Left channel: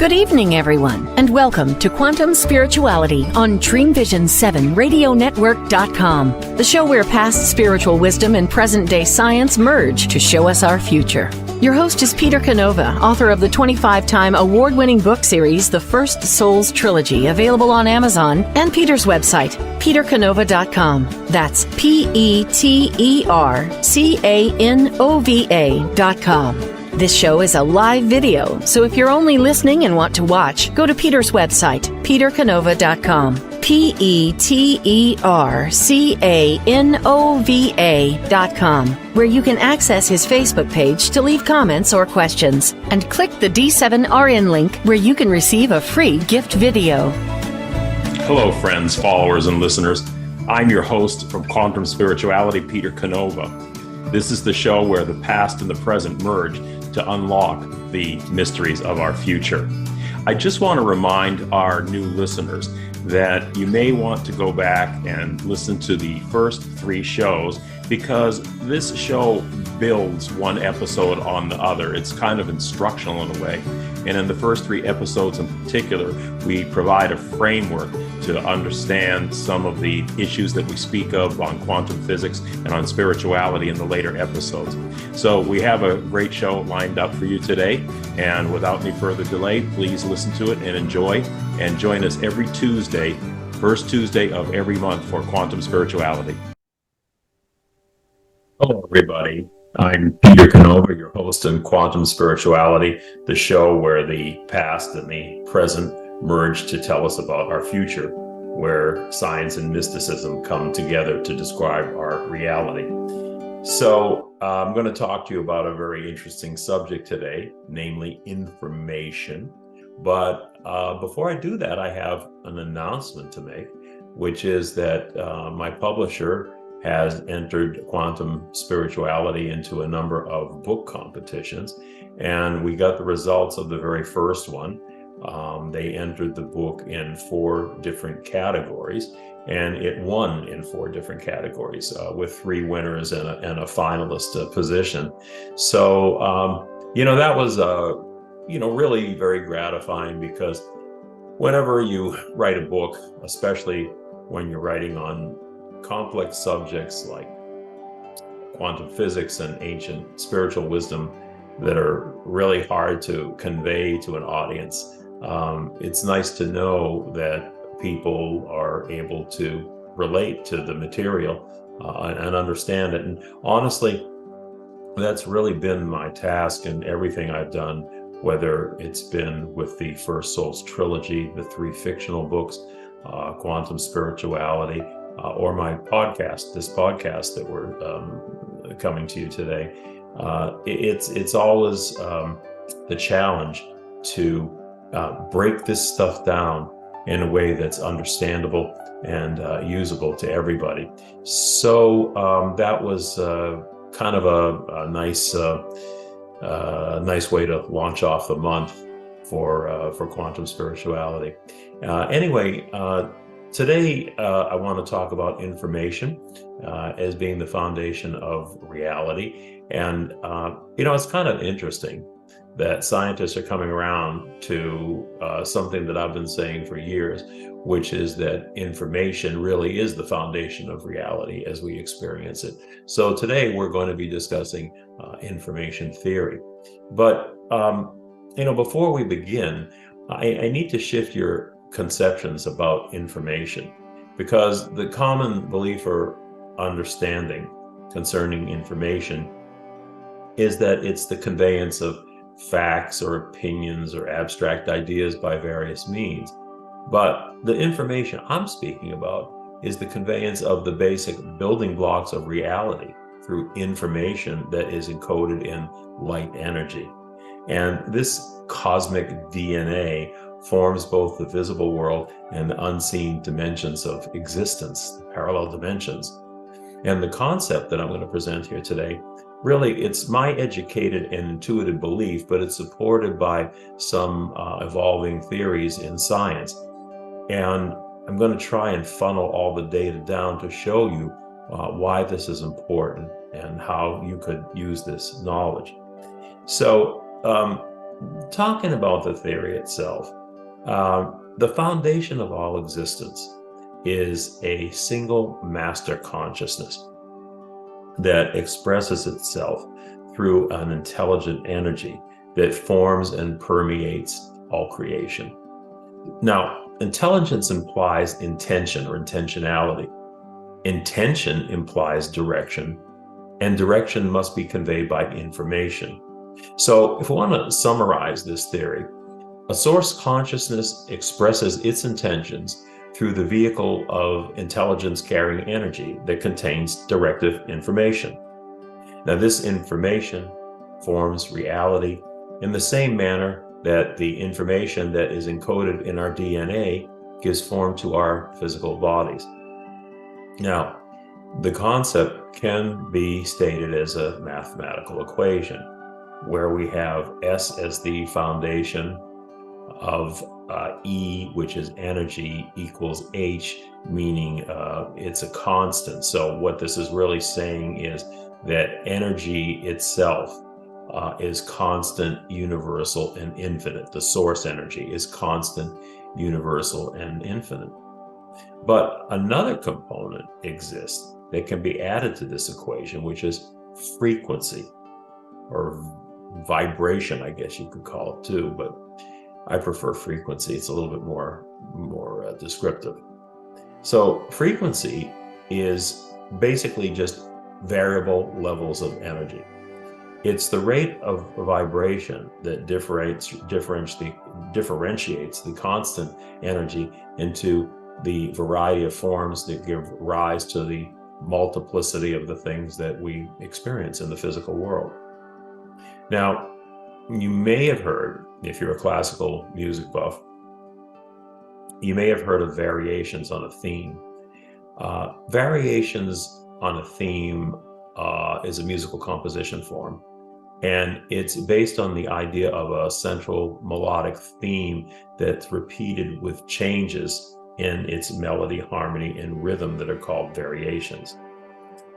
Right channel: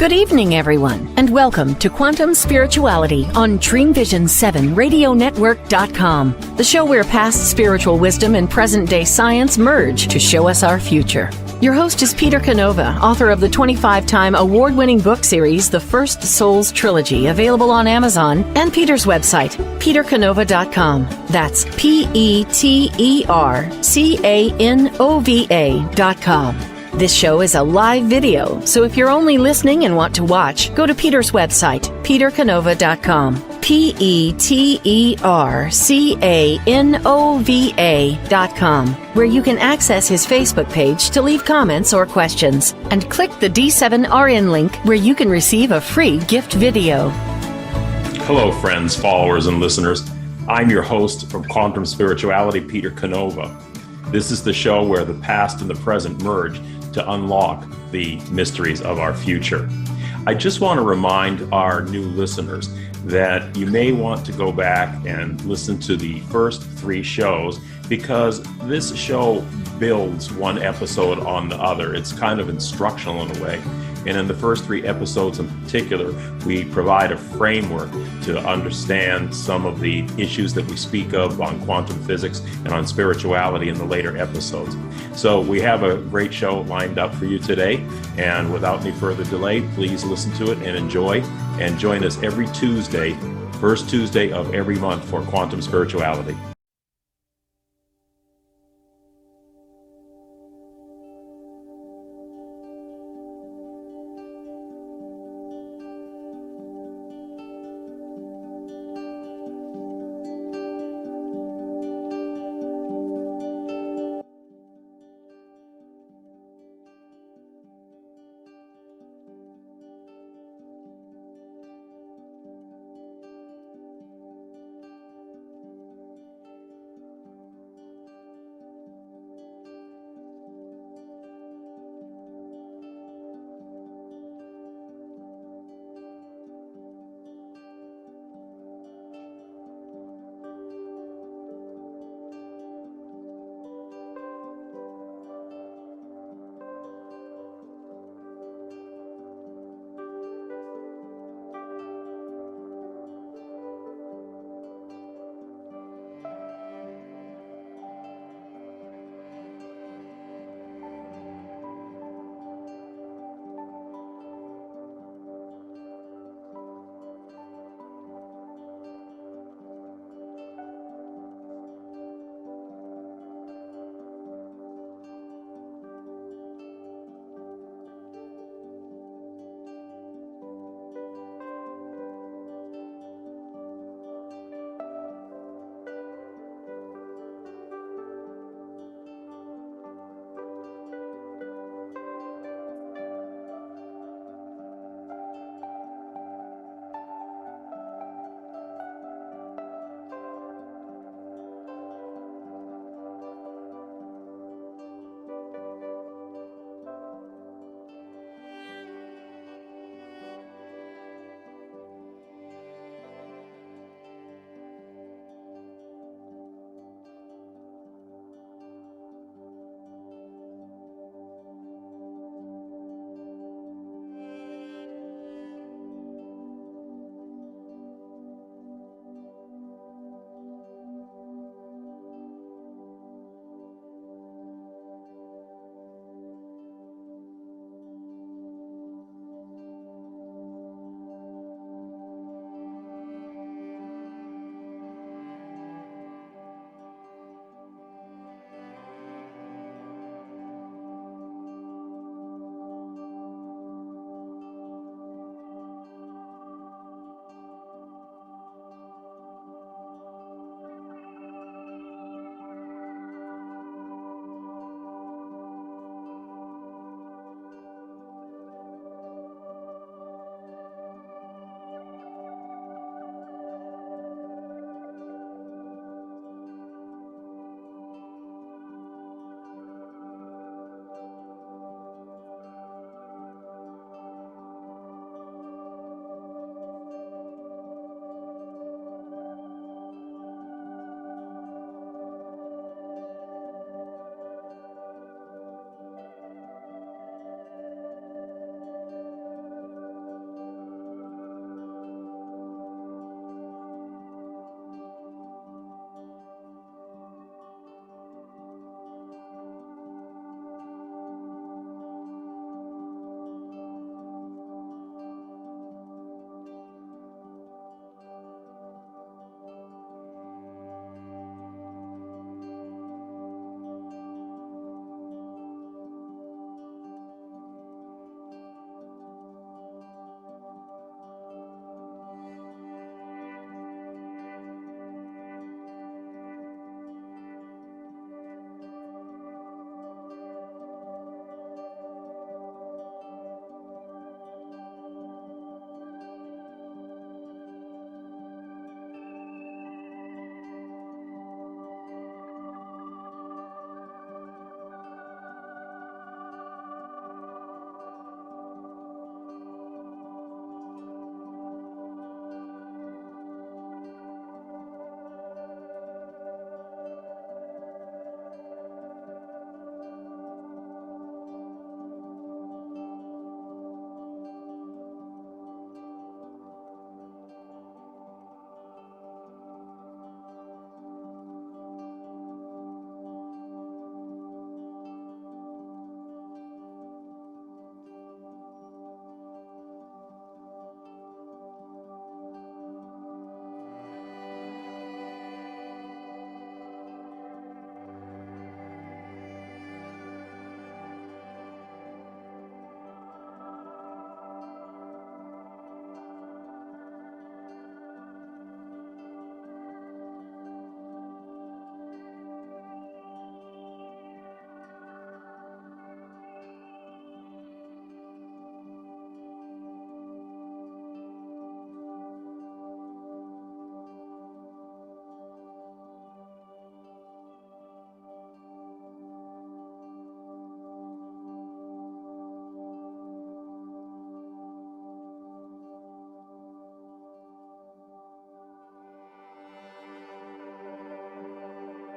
Good evening, everyone, and welcome to Quantum Spirituality on Dreamvisions 7 RadioNetwork.com, the show where past spiritual wisdom and present-day science merge to show us our future. Your host is Peter Canova, author of the 25-time award-winning book series, The First Souls Trilogy, available on Amazon, and Peter's website, petercanova.com. That's PeterCanova.com. This show is a live video, so if you're only listening and want to watch, go to Peter's website, petercanova.com, PeterCanova.com, where you can access his Facebook page to leave comments or questions, and click the D7RN link where you can receive a free gift video. Hello, friends, followers, and listeners. I'm your host from Quantum Spirituality, Peter Canova. This is the show where the past and the present merge to unlock the mysteries of our future. I just want to remind our new listeners that you may want to go back and listen to the first 3 shows, because this show builds one episode on the other. It's kind of instructional in a way. And in the first 3 episodes in particular, we provide a framework to understand some of the issues that we speak of on quantum physics and on spirituality in the later episodes. So we have a great show lined up for you today. And without any further delay, please listen to it and enjoy. And join us every Tuesday, first Tuesday of every month, for Quantum Spirituality. Hello, everybody. I'm Peter Canova, your host in Quantum Spirituality, the show where the past and the present merge to tell us about our future, where science and mysticism come together to describe our reality. So I'm going to talk to you about a very interesting subject today, namely information. But before I do that, I have an announcement to make, which is that my publisher has entered quantum spirituality into a number of book competitions, and we got the results of the very first one. They entered the book in 4 different categories, and it won in 4 different categories with 3 winners and a finalist position. So, that was, really very gratifying, because whenever you write a book, especially when you're writing on complex subjects like quantum physics and ancient spiritual wisdom that are really hard to convey to an audience, it's nice to know that people are able to relate to the material and understand it. And honestly, that's really been my task in everything I've done, whether it's been with the First Souls Trilogy, the 3 fictional books, Quantum Spirituality, or my podcast, this podcast that we're coming to you today. It's always the challenge to break this stuff down in a way that's understandable and usable to everybody. So that was kind of a nice way to launch off the month for quantum spirituality. Anyway, today, I want to talk about information as being the foundation of reality. And, it's kind of interesting that scientists are coming around to something that I've been saying for years, which is that information really is the foundation of reality as we experience it. So today we're going to be discussing information theory. But, before we begin, I need to shift your conceptions about information, because the common belief or understanding concerning information is that it's the conveyance of facts or opinions or abstract ideas by various means. But the information I'm speaking about is the conveyance of the basic building blocks of reality through information that is encoded in light energy. And this cosmic DNA forms both the visible world and the unseen dimensions of existence, parallel dimensions. And the concept that I'm going to present here today, really, it's my educated and intuitive belief, but it's supported by some evolving theories in science. And I'm going to try and funnel all the data down to show you why this is important and how you could use this knowledge. So talking about the theory itself, the foundation of all existence is a single master consciousness that expresses itself through an intelligent energy that forms and permeates all creation. Now, intelligence implies intention or intentionality. Intention implies direction, and direction must be conveyed by information. So if we want to summarize this theory, a source consciousness expresses its intentions through the vehicle of intelligence carrying energy that contains directive information. Now, this information forms reality in the same manner that the information that is encoded in our DNA gives form to our physical bodies. Now, the concept can be stated as a mathematical equation where we have S as the foundation of E, which is energy, equals H, meaning it's a constant. So what this is really saying is that energy itself is constant, universal, and infinite. The source energy is constant, universal, and infinite. But another component exists that can be added to this equation, which is frequency or vibration, I guess you could call it too, but I prefer frequency. It's a little bit more descriptive. So frequency is basically just variable levels of energy. It's the rate of vibration that differentiates the constant energy into the variety of forms that give rise to the multiplicity of the things that we experience in the physical world. Now, you may have heard, if you're a classical music buff, you may have heard of variations on a theme. Variations on a theme is a musical composition form, and it's based on the idea of a central melodic theme that's repeated with changes in its melody, harmony, and rhythm that are called variations.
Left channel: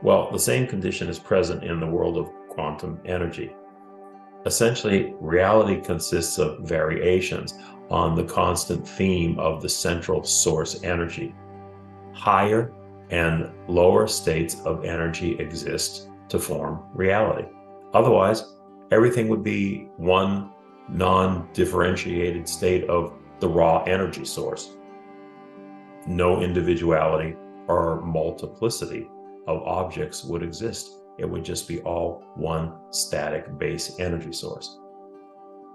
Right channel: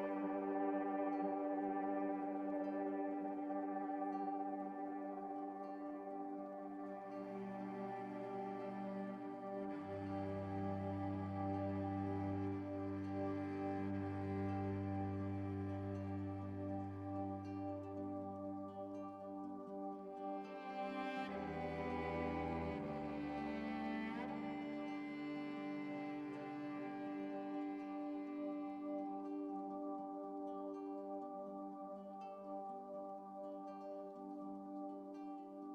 Well, the same condition is present in the world of quantum energy. Essentially, reality consists of variations on the constant theme of the central source energy. Higher and lower states of energy exist to form reality. Otherwise, everything would be one non-differentiated state of the raw energy source. No individuality or multiplicity of objects would exist. It would just be all one static base energy source.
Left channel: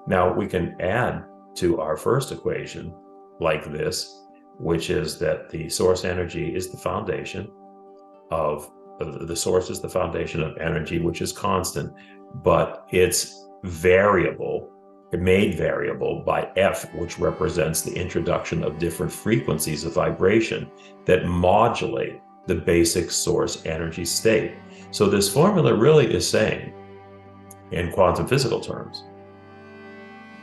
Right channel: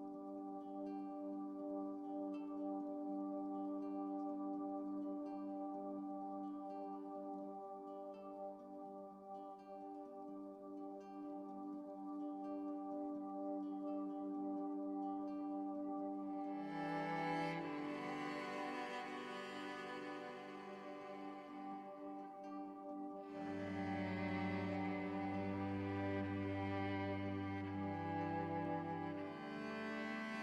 Now, we can add to our first equation like this, which is that the source energy is the foundation of the source is the foundation of energy, which is constant, but it's variable, made variable by F, which represents the introduction of different frequencies of vibration that modulate the basic source energy state. So this formula really is saying, in quantum physical terms,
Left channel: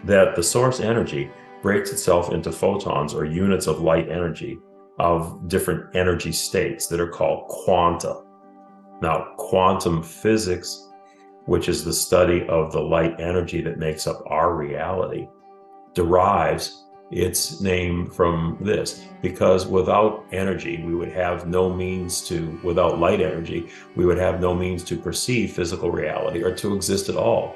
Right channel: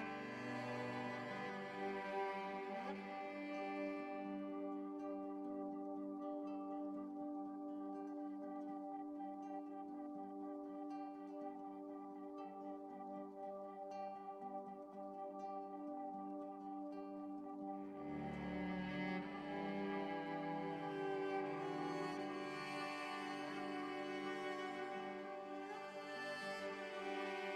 that the source energy breaks itself into photons or units of light energy of different energy states that are called quanta. Now, quantum physics, which is the study of the light energy that makes up our reality, derives its name from this, because without energy, we would have no means to, without light energy, we would have no means to perceive physical reality or to exist at all,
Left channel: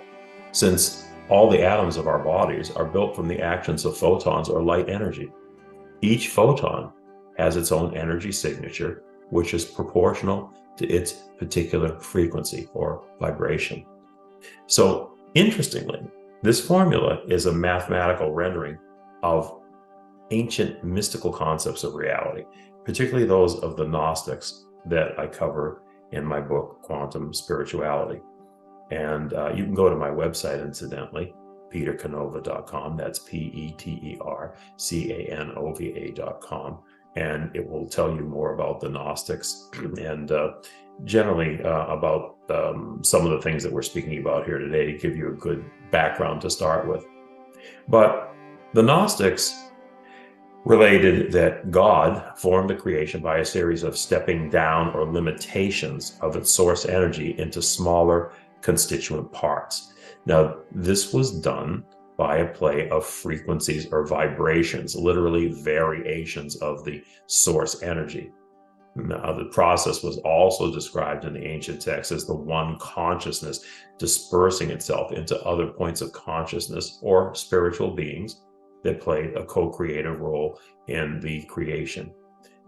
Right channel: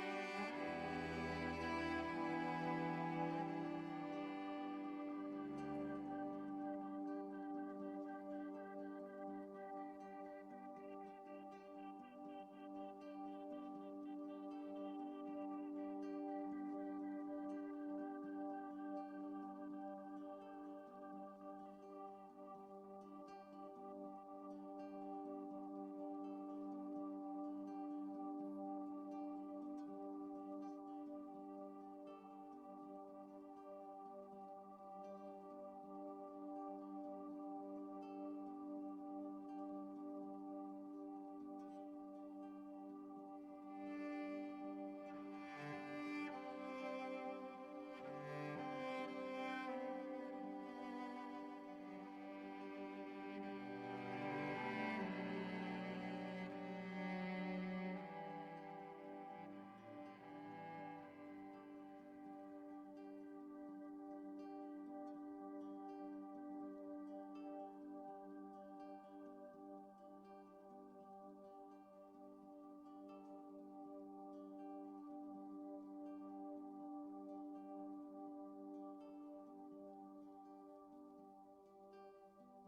since all the atoms of our bodies are built from the actions of photons or light energy. Each photon has its own energy signature, which is proportional to its particular frequency or vibration. So, interestingly, this formula is a mathematical rendering of ancient mystical concepts of reality, particularly those of the Gnostics that I cover in my book, Quantum Spirituality. And you can go to my website, incidentally, petercanova.com. That's petercanova.com. And it will tell you more about the Gnostics and generally about some of the things that we're speaking about here today to give you a good background to start with. But the Gnostics related that God formed the creation by a series of stepping down or limitations of its source energy into smaller constituent parts. Now, this was done by a play of frequencies or vibrations, literally variations of the source energy. Now, the process was also described in the ancient texts as the one consciousness dispersing itself into other points of consciousness or spiritual beings that played a co-creative role in the creation.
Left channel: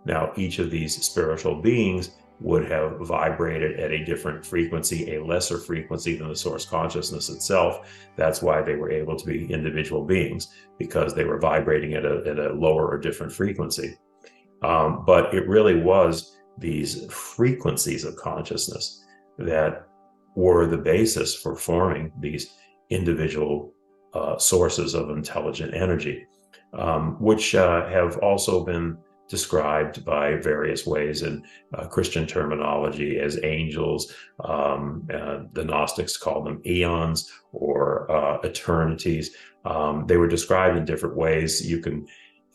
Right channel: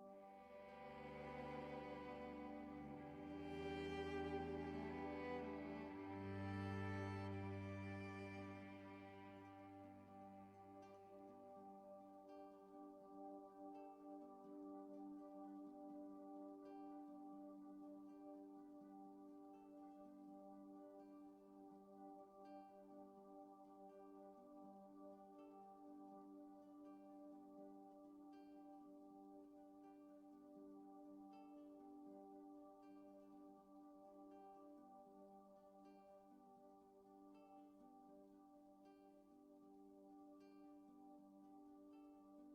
Now, each of these spiritual beings would have vibrated at a different frequency, a lesser frequency than the source consciousness itself. That's why they were able to be individual beings, because they were vibrating at a lower or different frequency. But it really was these frequencies of consciousness that were the basis for forming these individual sources of intelligent energy, which have also been described by various ways in Christian terminology as angels. The Gnostics called them eons or eternities. They were described in different ways. You can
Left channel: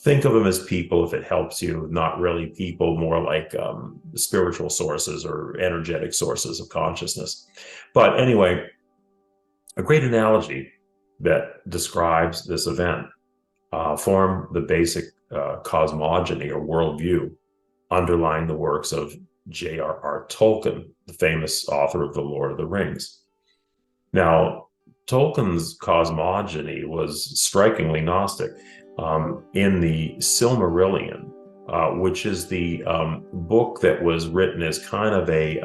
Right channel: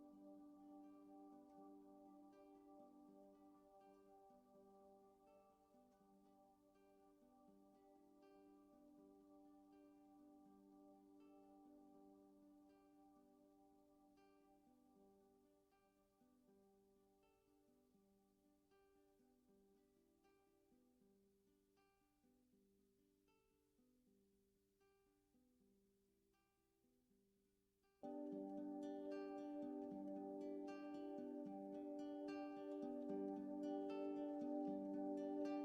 think of them as people if it helps you, not really people, more like spiritual sources or energetic sources of consciousness. But anyway, a great analogy that describes this event formed the basic cosmogony or worldview underlying the works of J.R.R. Tolkien, the famous author of The Lord of the Rings. Now, Tolkien's cosmogony was strikingly Gnostic. In the Silmarillion, which is the book that was written as kind of a,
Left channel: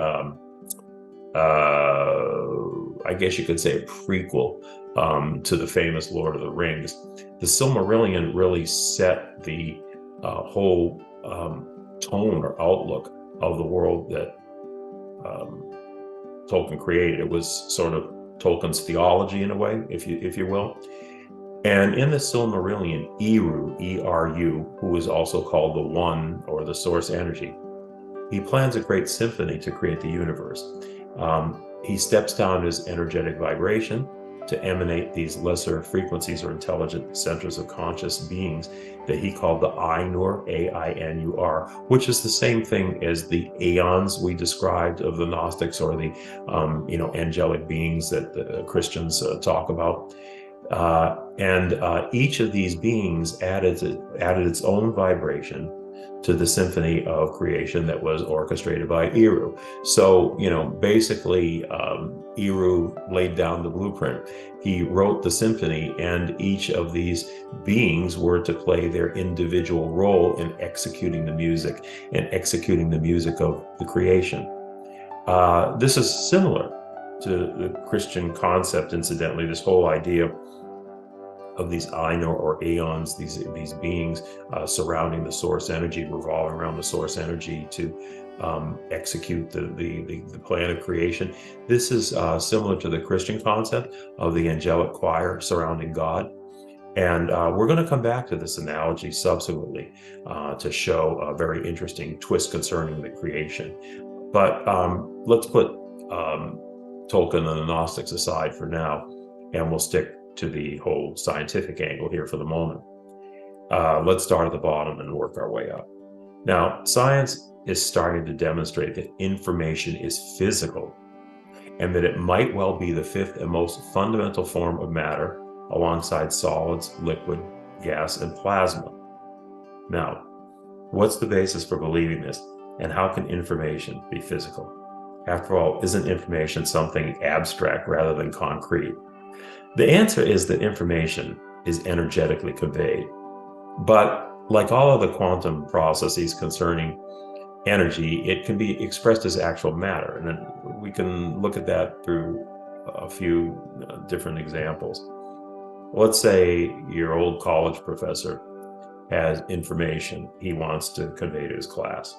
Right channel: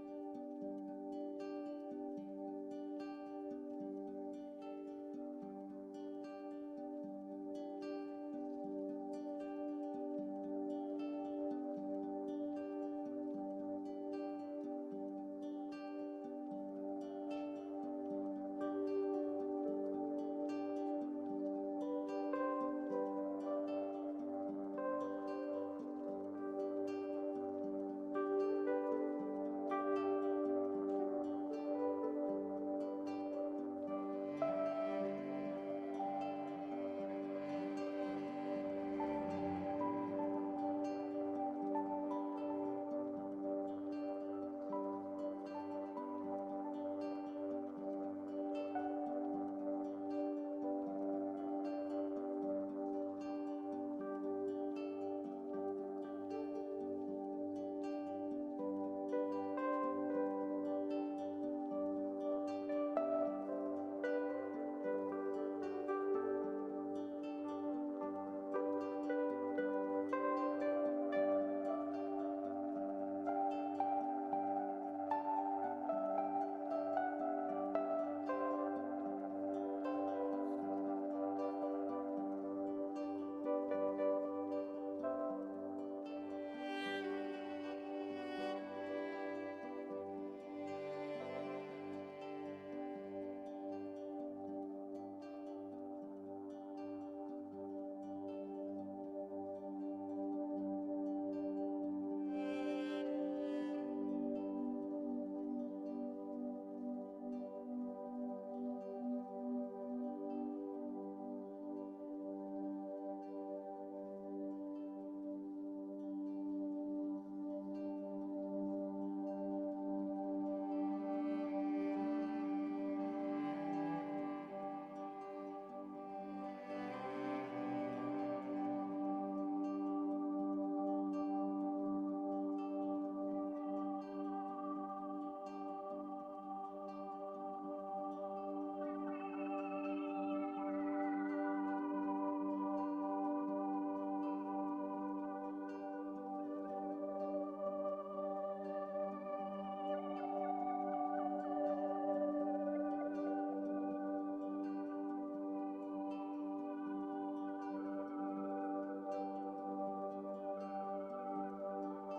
I guess you could say a prequel to the famous Lord of the Rings. The Silmarillion really set the whole tone or outlook of the world that Tolkien created. It was sort of Tolkien's theology in a way, if you will. And in the Silmarillion, Eru, E-R-U, who is also called the One or the Source Energy, he plans a great symphony to create the universe. He steps down his energetic vibration to emanate these lesser frequencies or intelligent centers of conscious beings that he called the Ainur, A-I-N-U-R, which is the same thing as the aeons we described of the Gnostics, or the angelic beings that the Christians talk about. And each of these beings added its own vibration to the symphony of creation that was orchestrated by Eru. So, basically, Eru laid down the blueprint. He wrote the symphony, and each of these beings were to play their individual role in executing the music of the creation. This is similar to the Christian concept, incidentally, this whole idea of these Ainur or aeons, these beings surrounding the source energy, revolving around the source energy to execute the plan of creation. This is similar to the Christian concept of the angelic choir surrounding God. And we're going to come back to this analogy subsequently to show a very interesting twist concerning the creation. But let's put Tolkien and the Gnostics aside for now, and we'll stick to the whole scientific angle here for the moment. Let's start at the bottom and work our way up. Now, science is starting to demonstrate that information is physical, and that it might well be the fifth and most fundamental form of matter, alongside solids, liquid, gas, and plasma. Now, what's the basis for believing this, and how can information be physical? After all, isn't information something abstract rather than concrete? The answer is that information is energetically conveyed. But like all of the quantum processes concerning energy, it can be expressed as actual matter. And then we can look at that through a few different examples. Let's say your old college professor has information he wants to convey to his class.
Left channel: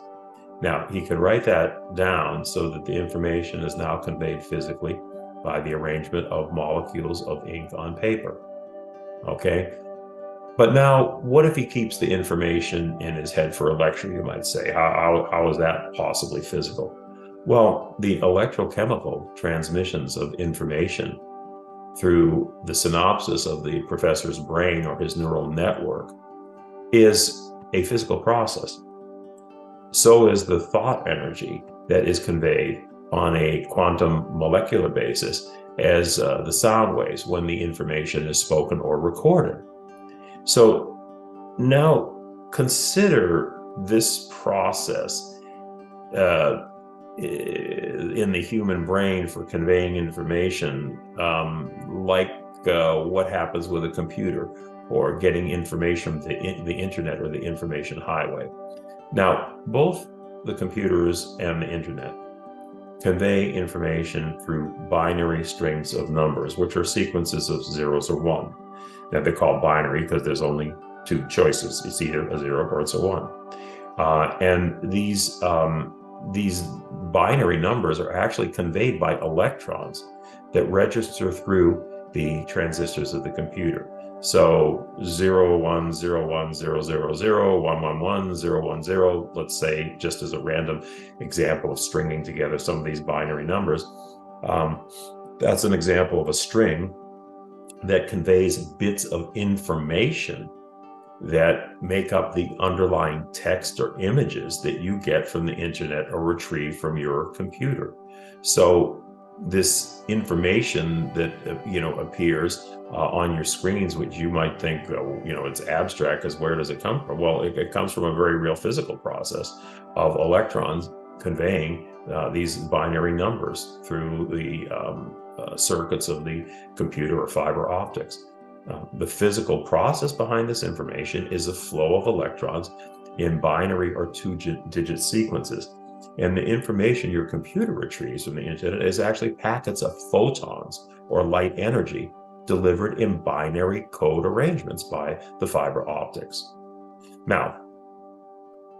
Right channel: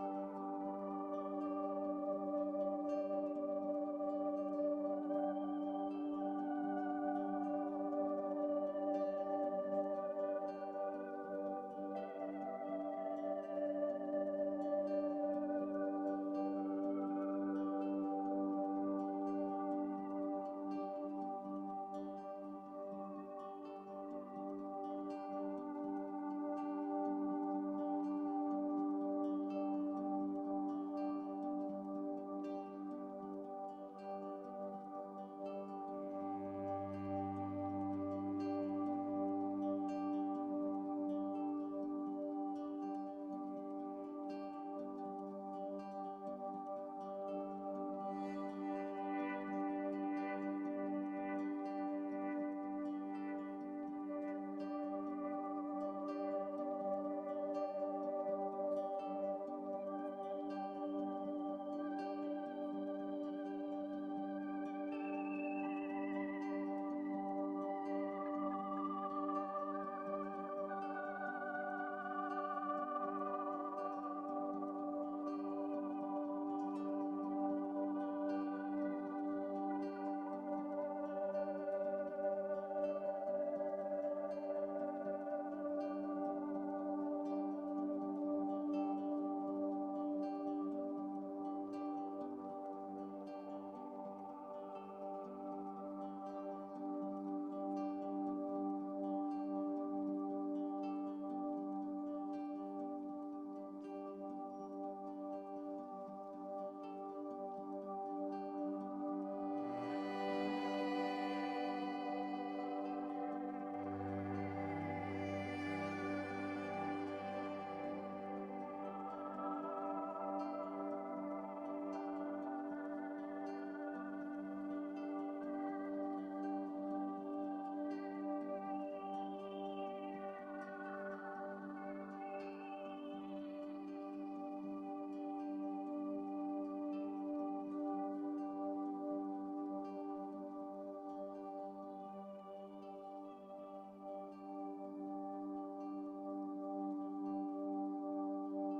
Now, he can write that down so that the information is now conveyed physically by the arrangement of molecules of ink on paper. Okay? But now, what if he keeps the information in his head for a lecture, you might say? How is that possibly physical? Well, the electrochemical transmissions of information through the synapses of the professor's brain or his neural network is a physical process. So is the thought energy that is conveyed on a quantum molecular basis as the sound waves when the information is spoken or recorded. So now consider this process in the human brain for conveying information, like what happens with a computer or getting information from the internet or the information highway. Now, both the computers and the internet convey information through binary strings of numbers, which are sequences of zeros or one. Now, they're called binary because there's only two choices. It's either a zero or it's a one. And these binary numbers are actually conveyed by electrons that register through the transistors of the computer. So 0, 1, 0, 1, 0, 0, 0, 1, 1, 1, 0, 1, 0, let's say, just as a random example of stringing together some of these binary numbers. That's an example of a string that conveys bits of information that make up the underlying text or images that you get from the internet or retrieve from your computer. So this information that appears on your screens, which you might think it's abstract, because where does it come from? Well, it comes from a very real physical process of electrons conveying these binary numbers through the circuits of the computer or fiber optics. The physical process behind this information is a flow of electrons in binary or two-digit sequences. And the information your computer retrieves from the internet is actually packets of photons or light energy delivered in binary code arrangements by the fiber optics. Now,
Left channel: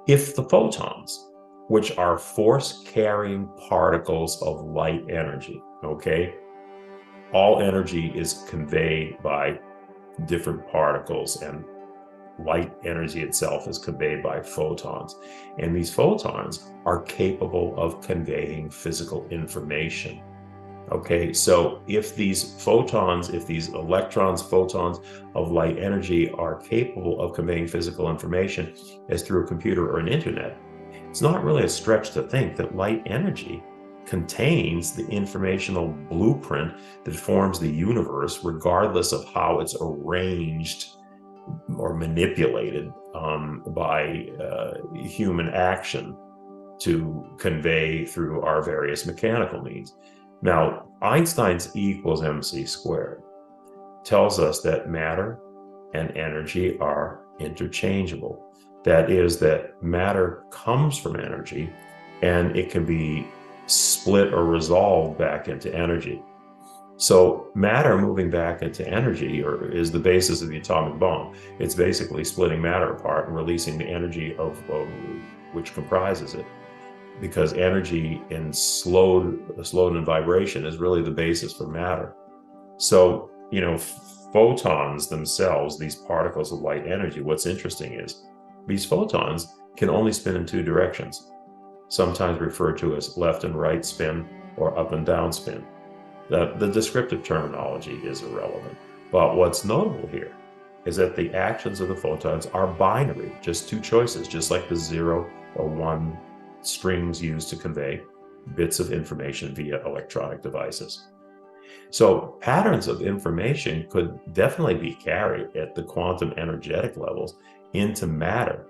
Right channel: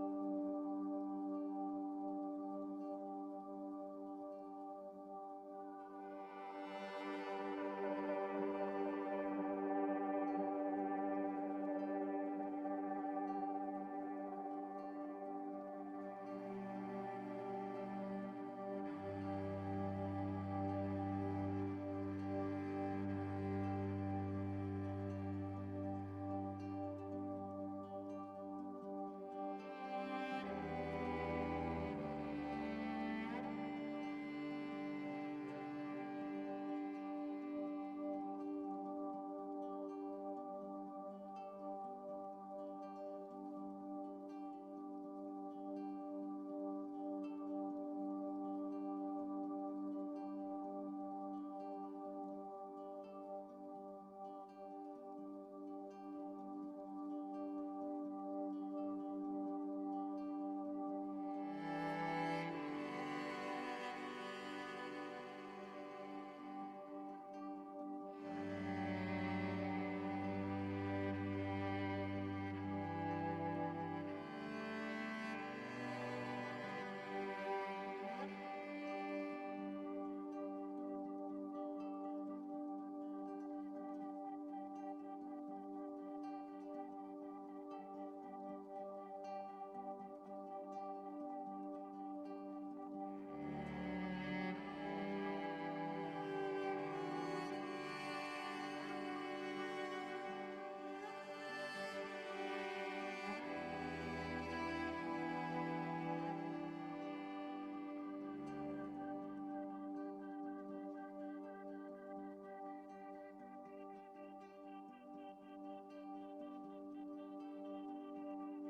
if the photons, which are force-carrying particles of light energy, okay, all energy is conveyed by different particles, and light energy itself is conveyed by photons. And these photons are capable of conveying physical information. Okay, so if these photons, if these electrons, photons of light energy are capable of conveying physical information as through a computer or an internet, it's not really a stretch to think that light energy contains the informational blueprint that forms the universe, regardless of how it's arranged or manipulated by human action to convey through our various mechanical means. Now, Einstein's E equals mc squared tells us that matter and energy are interchangeable. That is, that matter comes from energy and it can be split or resolved back into energy. So matter moving back into energy is the basis of the atomic bomb. It's basically splitting matter apart and releasing the energy of which comprises it, because energy in slowed in vibration is really the basis for matter. So, photons themselves, these particles of light energy, what's interesting is these photons can only spin in two directions, sometimes referred to as left and right spin or up and down spin. The descriptive terminology is irrelevant. But what's notable here is that the actions of the photons are binary, just two choices, just like the 0 or 1 strings used to convey bits of information via electronic devices. So patterns of information could definitely be carried at the quantum energetic levels into matter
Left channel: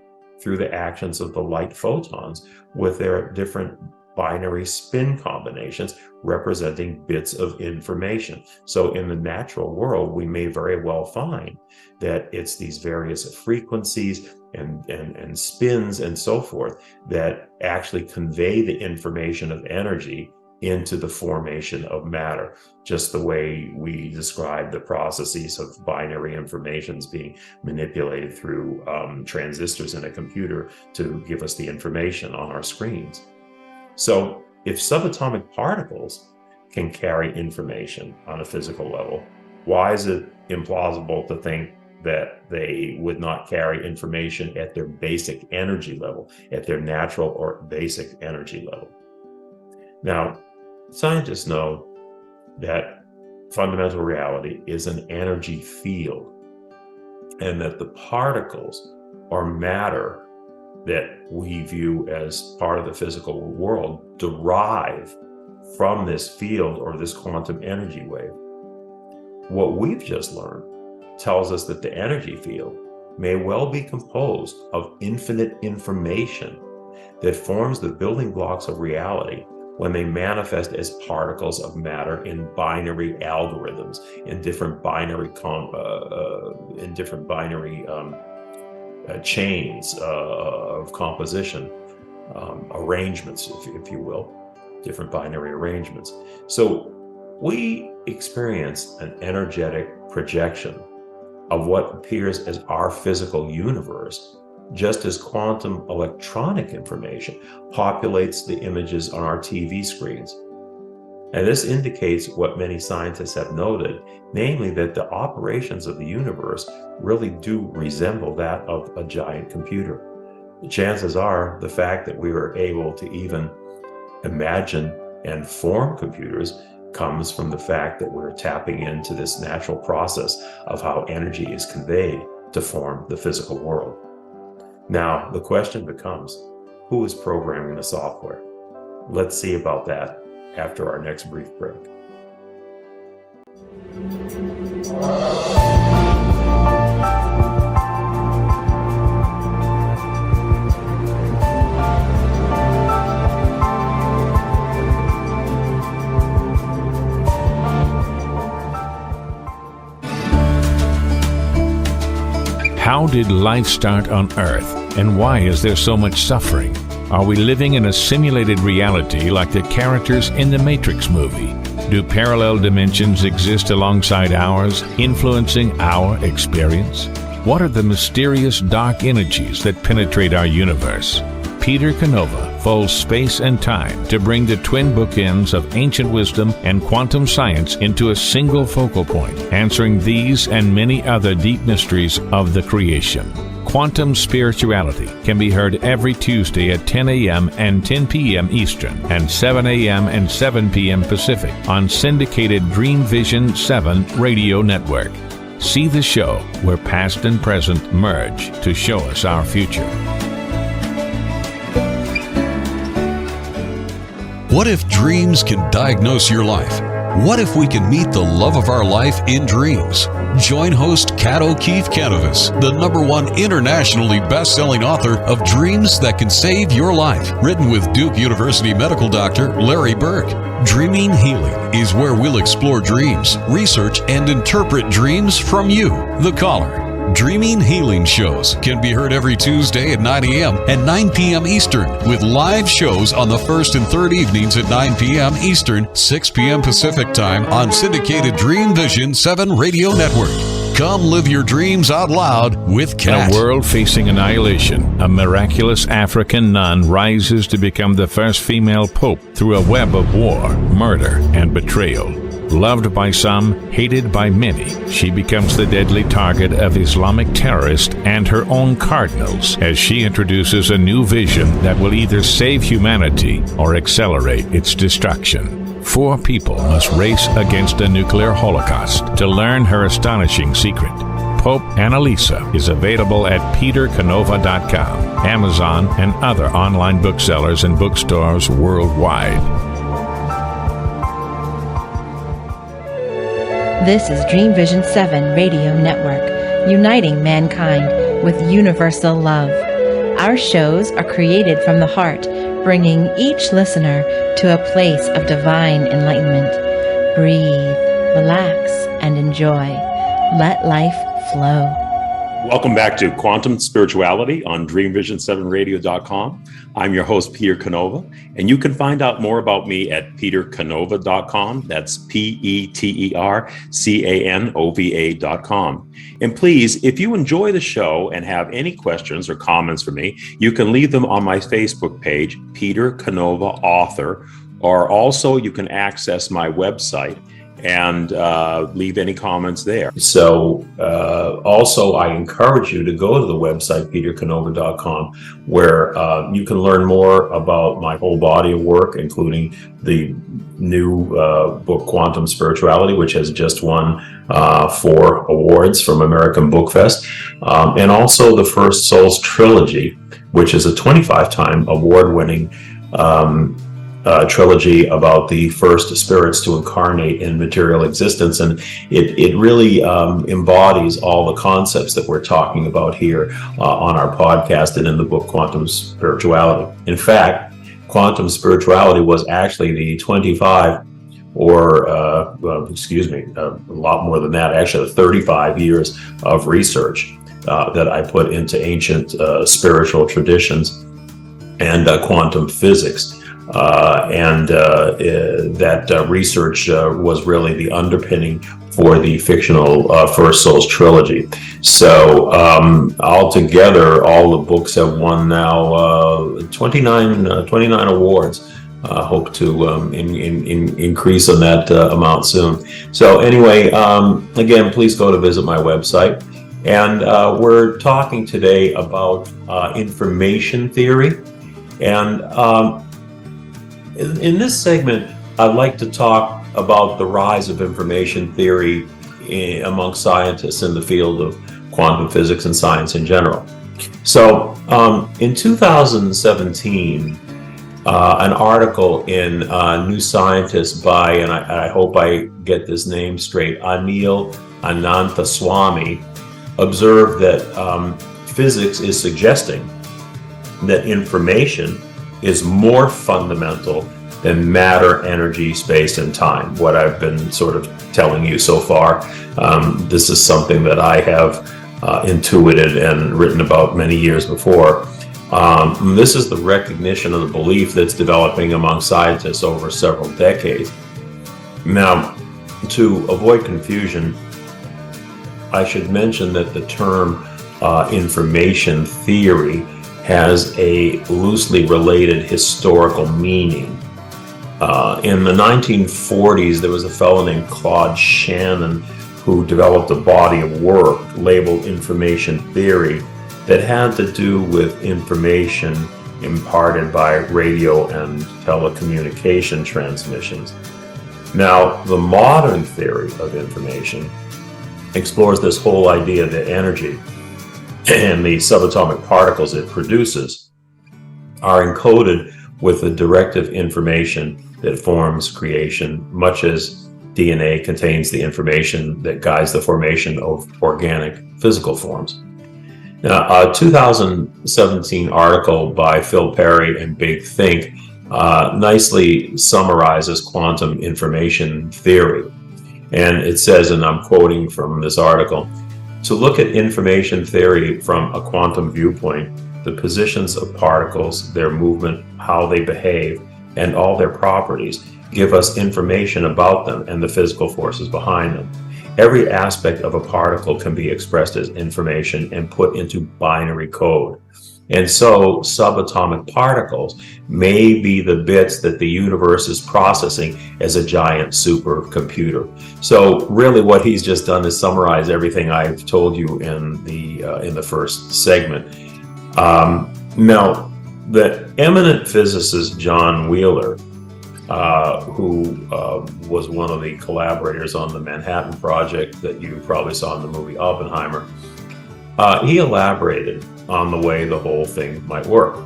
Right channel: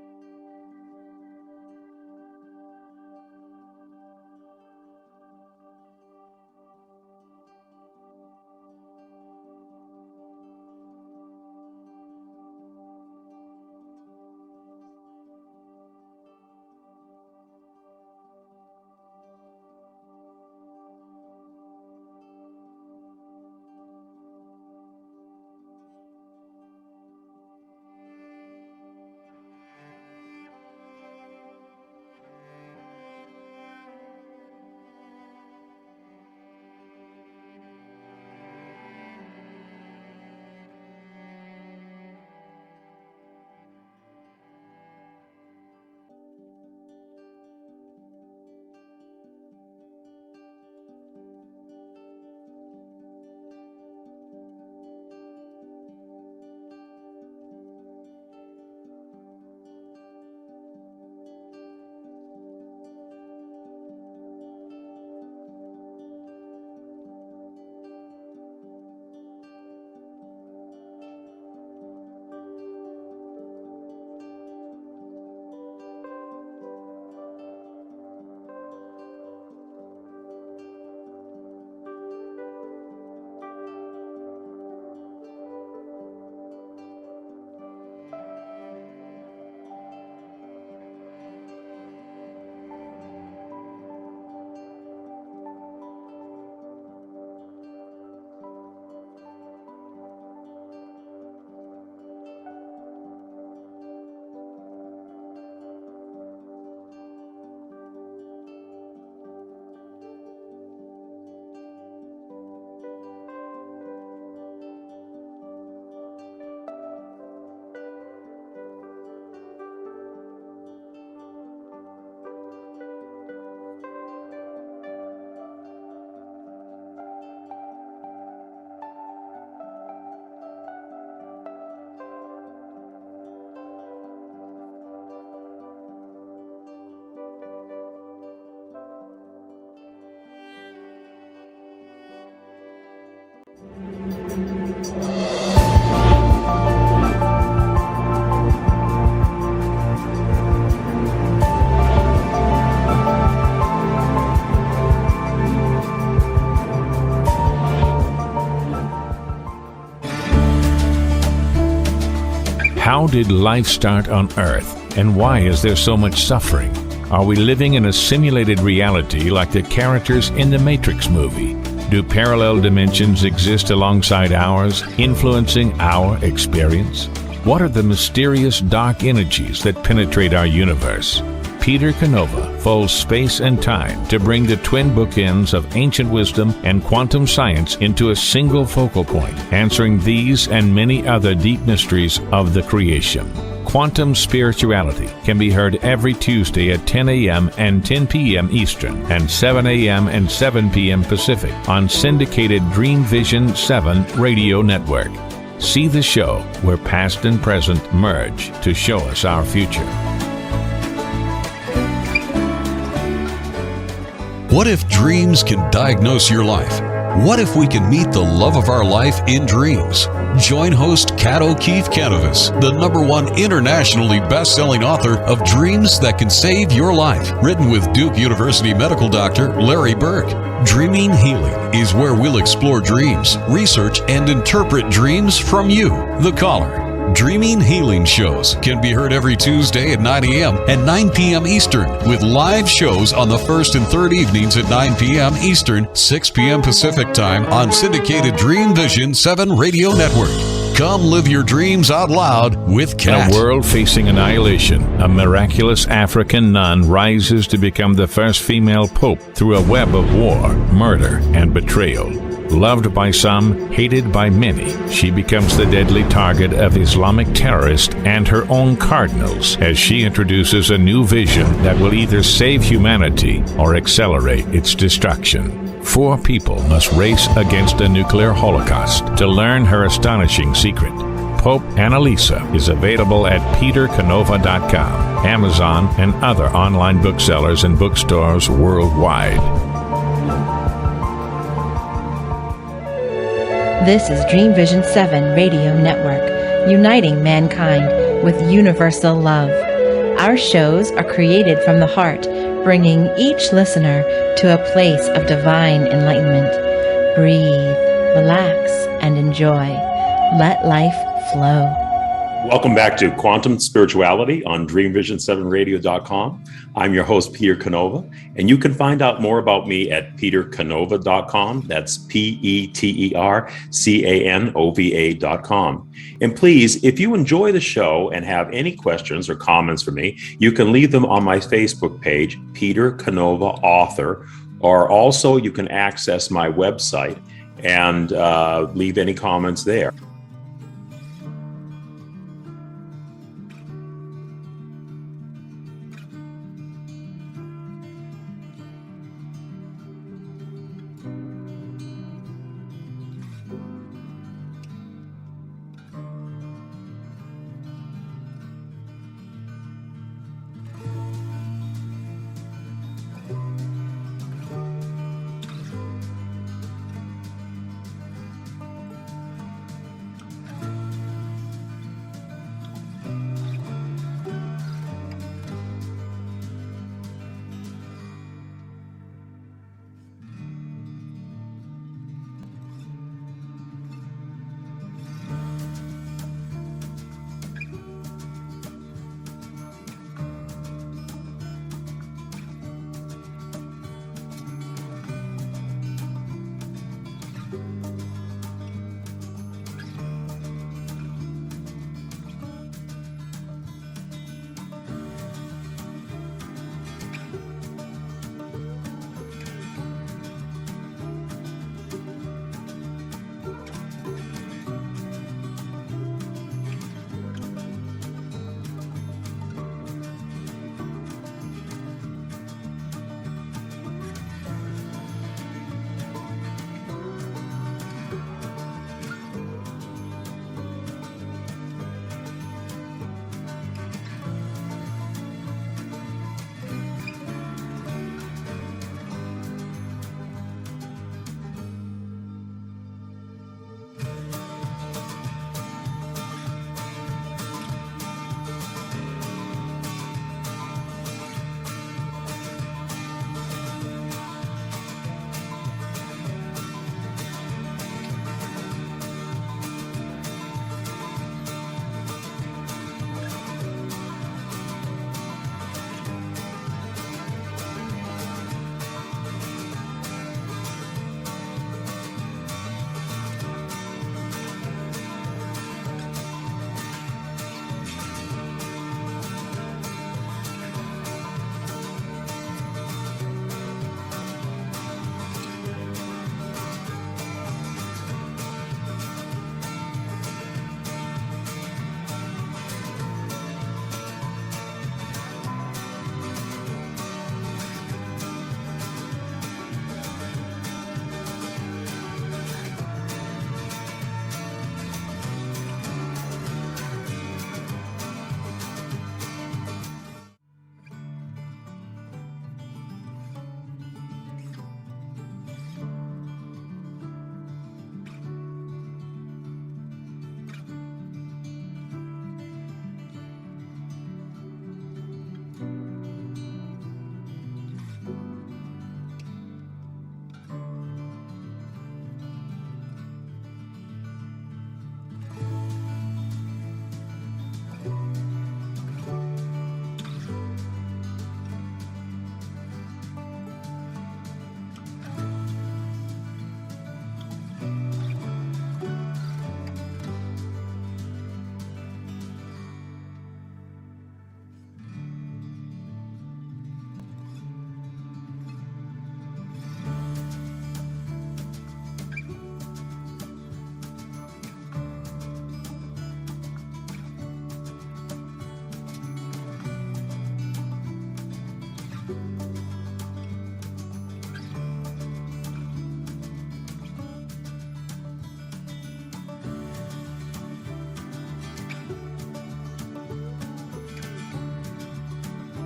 through the actions of the light photons with their different binary spin combinations representing bits of information. So in the natural world, we may very well find that it's these various frequencies and spins and so forth that actually convey the information of energy into the formation of matter, just the way we describe the processes of binary informations being manipulated through transistors in a computer to give us the information on our screens. So if subatomic particles can carry information on a physical level, why is it implausible to think that they would not carry information at their basic energy level, at their natural or basic energy level? Now, scientists know that fundamental reality is an energy field, and that the particles or matter that we view as part of the physical world derive from this field or this quantum energy wave. What we've just learned tells us that the energy field may well be composed of infinite information that forms the building blocks of reality when they manifest as particles of matter in binary algorithms, in different binary chains of composition, arrangements, if you will, different binary arrangements. So we experience an energetic projection of what appears as our physical universe, just as quantum electronic information populates the images on our TV screens. And this indicates what many scientists have noted, namely that the operations of the universe really do resemble that of a giant computer. The chances are the fact that we were able to even imagine and form computers comes from the fact that we're tapping into this natural process of how energy is conveyed to form the physical world. Now, the question becomes, who is programming the software? Let's see about that after our next brief break. How did life start on Earth, and why is there so much suffering? Are we living in a simulated reality like the characters in the Matrix movie? Do parallel dimensions exist alongside ours, influencing our experience? What are the mysterious dark energies that penetrate our universe? Peter Canova folds space and time to bring the twin bookends of ancient wisdom and quantum science into a single focal point, answering these and many other deep mysteries of the creation. Quantum Spirituality can be heard every Tuesday at 10 a.m. and 10 p.m. Eastern and 7 a.m. and 7 p.m. Pacific on syndicated Dreamvisions 7 radio network. See the show where past and present merge to show us our future. What if dreams can diagnose your life? What if we can meet the love of our life in dreams? Join host Kat O'Keefe Canavas, the #1 internationally best-selling author of Dreams That Can Save Your Life, written with Duke University medical doctor Larry Burke. Dreaming Healing is where we'll explore dreams, research, and interpret dreams from you, the caller. Dreaming Healing shows can be heard every Tuesday at 9 a.m. and 9 p.m. Eastern, with live shows on the first and third evenings at 9 p.m. Eastern, 6 p.m. Pacific Time on syndicated Dreamvisions 7 radio network. Come live your dreams out loud with Kat. In a world facing annihilation, a miraculous African nun rises to become the first female pope through a web of war, murder, and betrayal. Loved by some, hated by many, she becomes the deadly target of Islamic terrorists and her own cardinals as she introduces a new vision that will either save humanity or accelerate its destruction. 4 people must race against a nuclear holocaust to learn her astonishing secret. Pope Annalisa is available at petercanova.com, Amazon, and other online booksellers and bookstores worldwide. This is Dreamvisions 7 Radio Network, uniting mankind with universal love. Our shows are created from the heart, bringing each listener to a place of divine enlightenment. Breathe, relax, and enjoy. Let life flow. Welcome back to Quantum Spirituality on Dreamvisions7radio.com. I'm your host, Peter Canova, and you can find out more about me at petercanova.com. That's petercanova.com. And please, if you enjoy the show and have any questions or comments for me, you can leave them on my Facebook page, Peter Canova Author, or also you can access my website and leave any comments there. So also I encourage you to go to the website, petercanova.com, where you can learn more about my whole body of work, including the new book, Quantum Spirituality, which has just won 4 awards from American Book Fest, and also the First Souls Trilogy, which is a 25-time award-winning trilogy about the first spirits to incarnate in material existence, and it really embodies all the concepts that we're talking about here on our podcast and in the book Quantum Spirituality. In fact, quantum spirituality was actually the 25 or a lot more than that, actually 35 years of research that I put into ancient spiritual traditions and quantum physics. That research was really the underpinning for the fictional First Souls trilogy. So altogether, all the books have won now 29 awards. Hope to increase on that amount soon. So anyway, again, please go to visit my website. And we're talking today about information theory. And in this segment, I'd like to talk about the rise of information theory among scientists in the field of quantum physics and science in general. So in 2017, an article in New Scientist by, and I hope I get this name straight, Anil Ananthaswamy, observed that physics is suggesting that information is more fundamental than matter, energy, space, and time. What I've been sort of telling you so far, this is something that I have intuited and written about many years before. This is the recognition of the belief that's developing among scientists over several decades. Now, to avoid confusion, I should mention that the term information theory has a loosely related historical meaning. In the 1940s, there was a fellow named Claude Shannon who developed a body of work labeled information theory that had to do with information imparted by radio and telecommunication transmissions. Now, the modern theory of information explores this whole idea that energy and the subatomic particles it produces are encoded with the directive information that forms creation, much as DNA contains the information that guides the formation of organic physical forms. Now, a 2017 article by Phil Perry and Big Think nicely summarizes quantum information theory. And it says, and I'm quoting from this article, "To look at information theory from a quantum viewpoint, the positions of particles, their movement, how they behave, and all their properties give us information about them and the physical forces behind them. Every aspect of a particle can be expressed as information and put into binary code. And so subatomic particles may be the bits that the universe is processing as a giant supercomputer." So really what he's just done is summarize everything I've told you in the first segment. Now, the eminent physicist John Wheeler, who was one of the collaborators on the Manhattan Project that you probably saw in the movie Oppenheimer, he elaborated on the way the whole thing might work.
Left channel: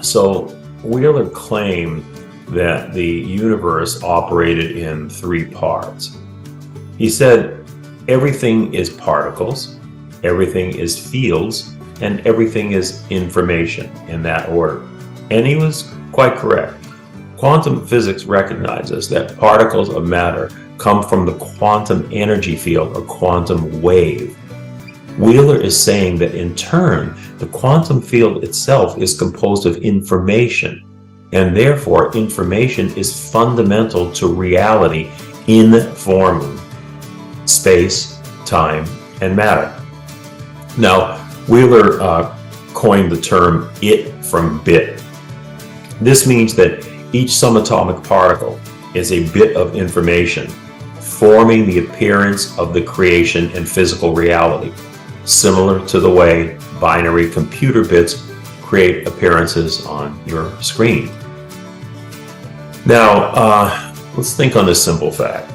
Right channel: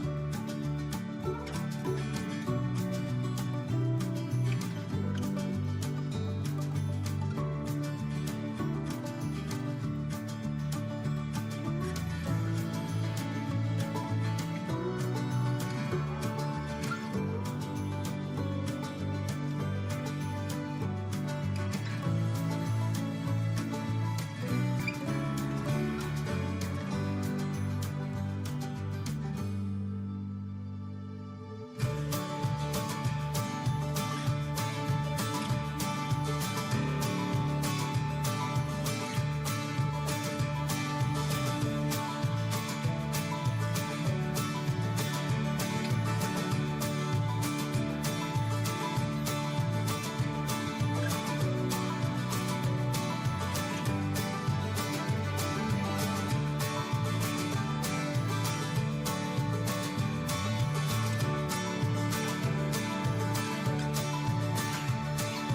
So Wheeler claimed that the universe operated in three parts. He said, everything is particles, everything is fields, and everything is information, in that order. And he was quite correct. Quantum physics recognizes that particles of matter come from the quantum energy field, a quantum wave. Wheeler is saying that in turn, the quantum field itself is composed of information, and therefore information is fundamental to reality informing space, time, and matter. Now, Wheeler coined the term "it from bit." This means that each subatomic particle is a bit of information, forming the appearance of the creation and physical reality, similar to the way binary computer bits create appearances on your screen. Now, let's think on this simple fact.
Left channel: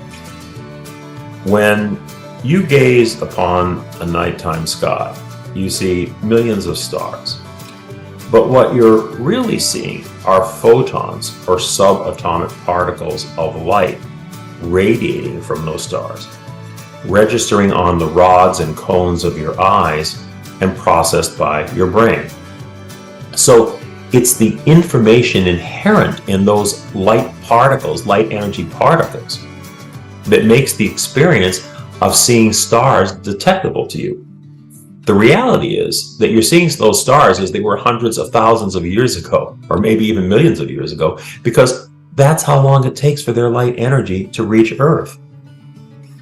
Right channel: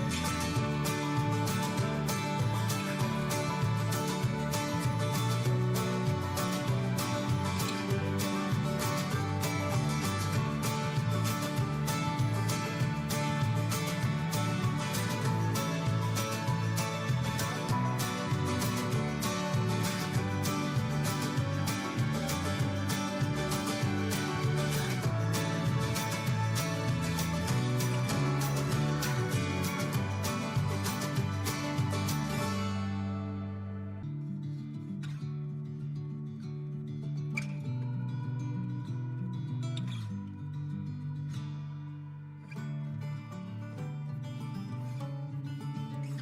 When you gaze upon a nighttime sky, you see millions of stars. But what you're really seeing are photons or subatomic particles of light radiating from those stars, registering on the rods and cones of your eyes and processed by your brain. So it's the information inherent in those light particles, light energy particles, that makes the experience of seeing stars detectable to you. The reality is that you're seeing those stars as they were hundreds of thousands of years ago, or maybe even millions of years ago, because that's how long it takes for their light energy to reach Earth.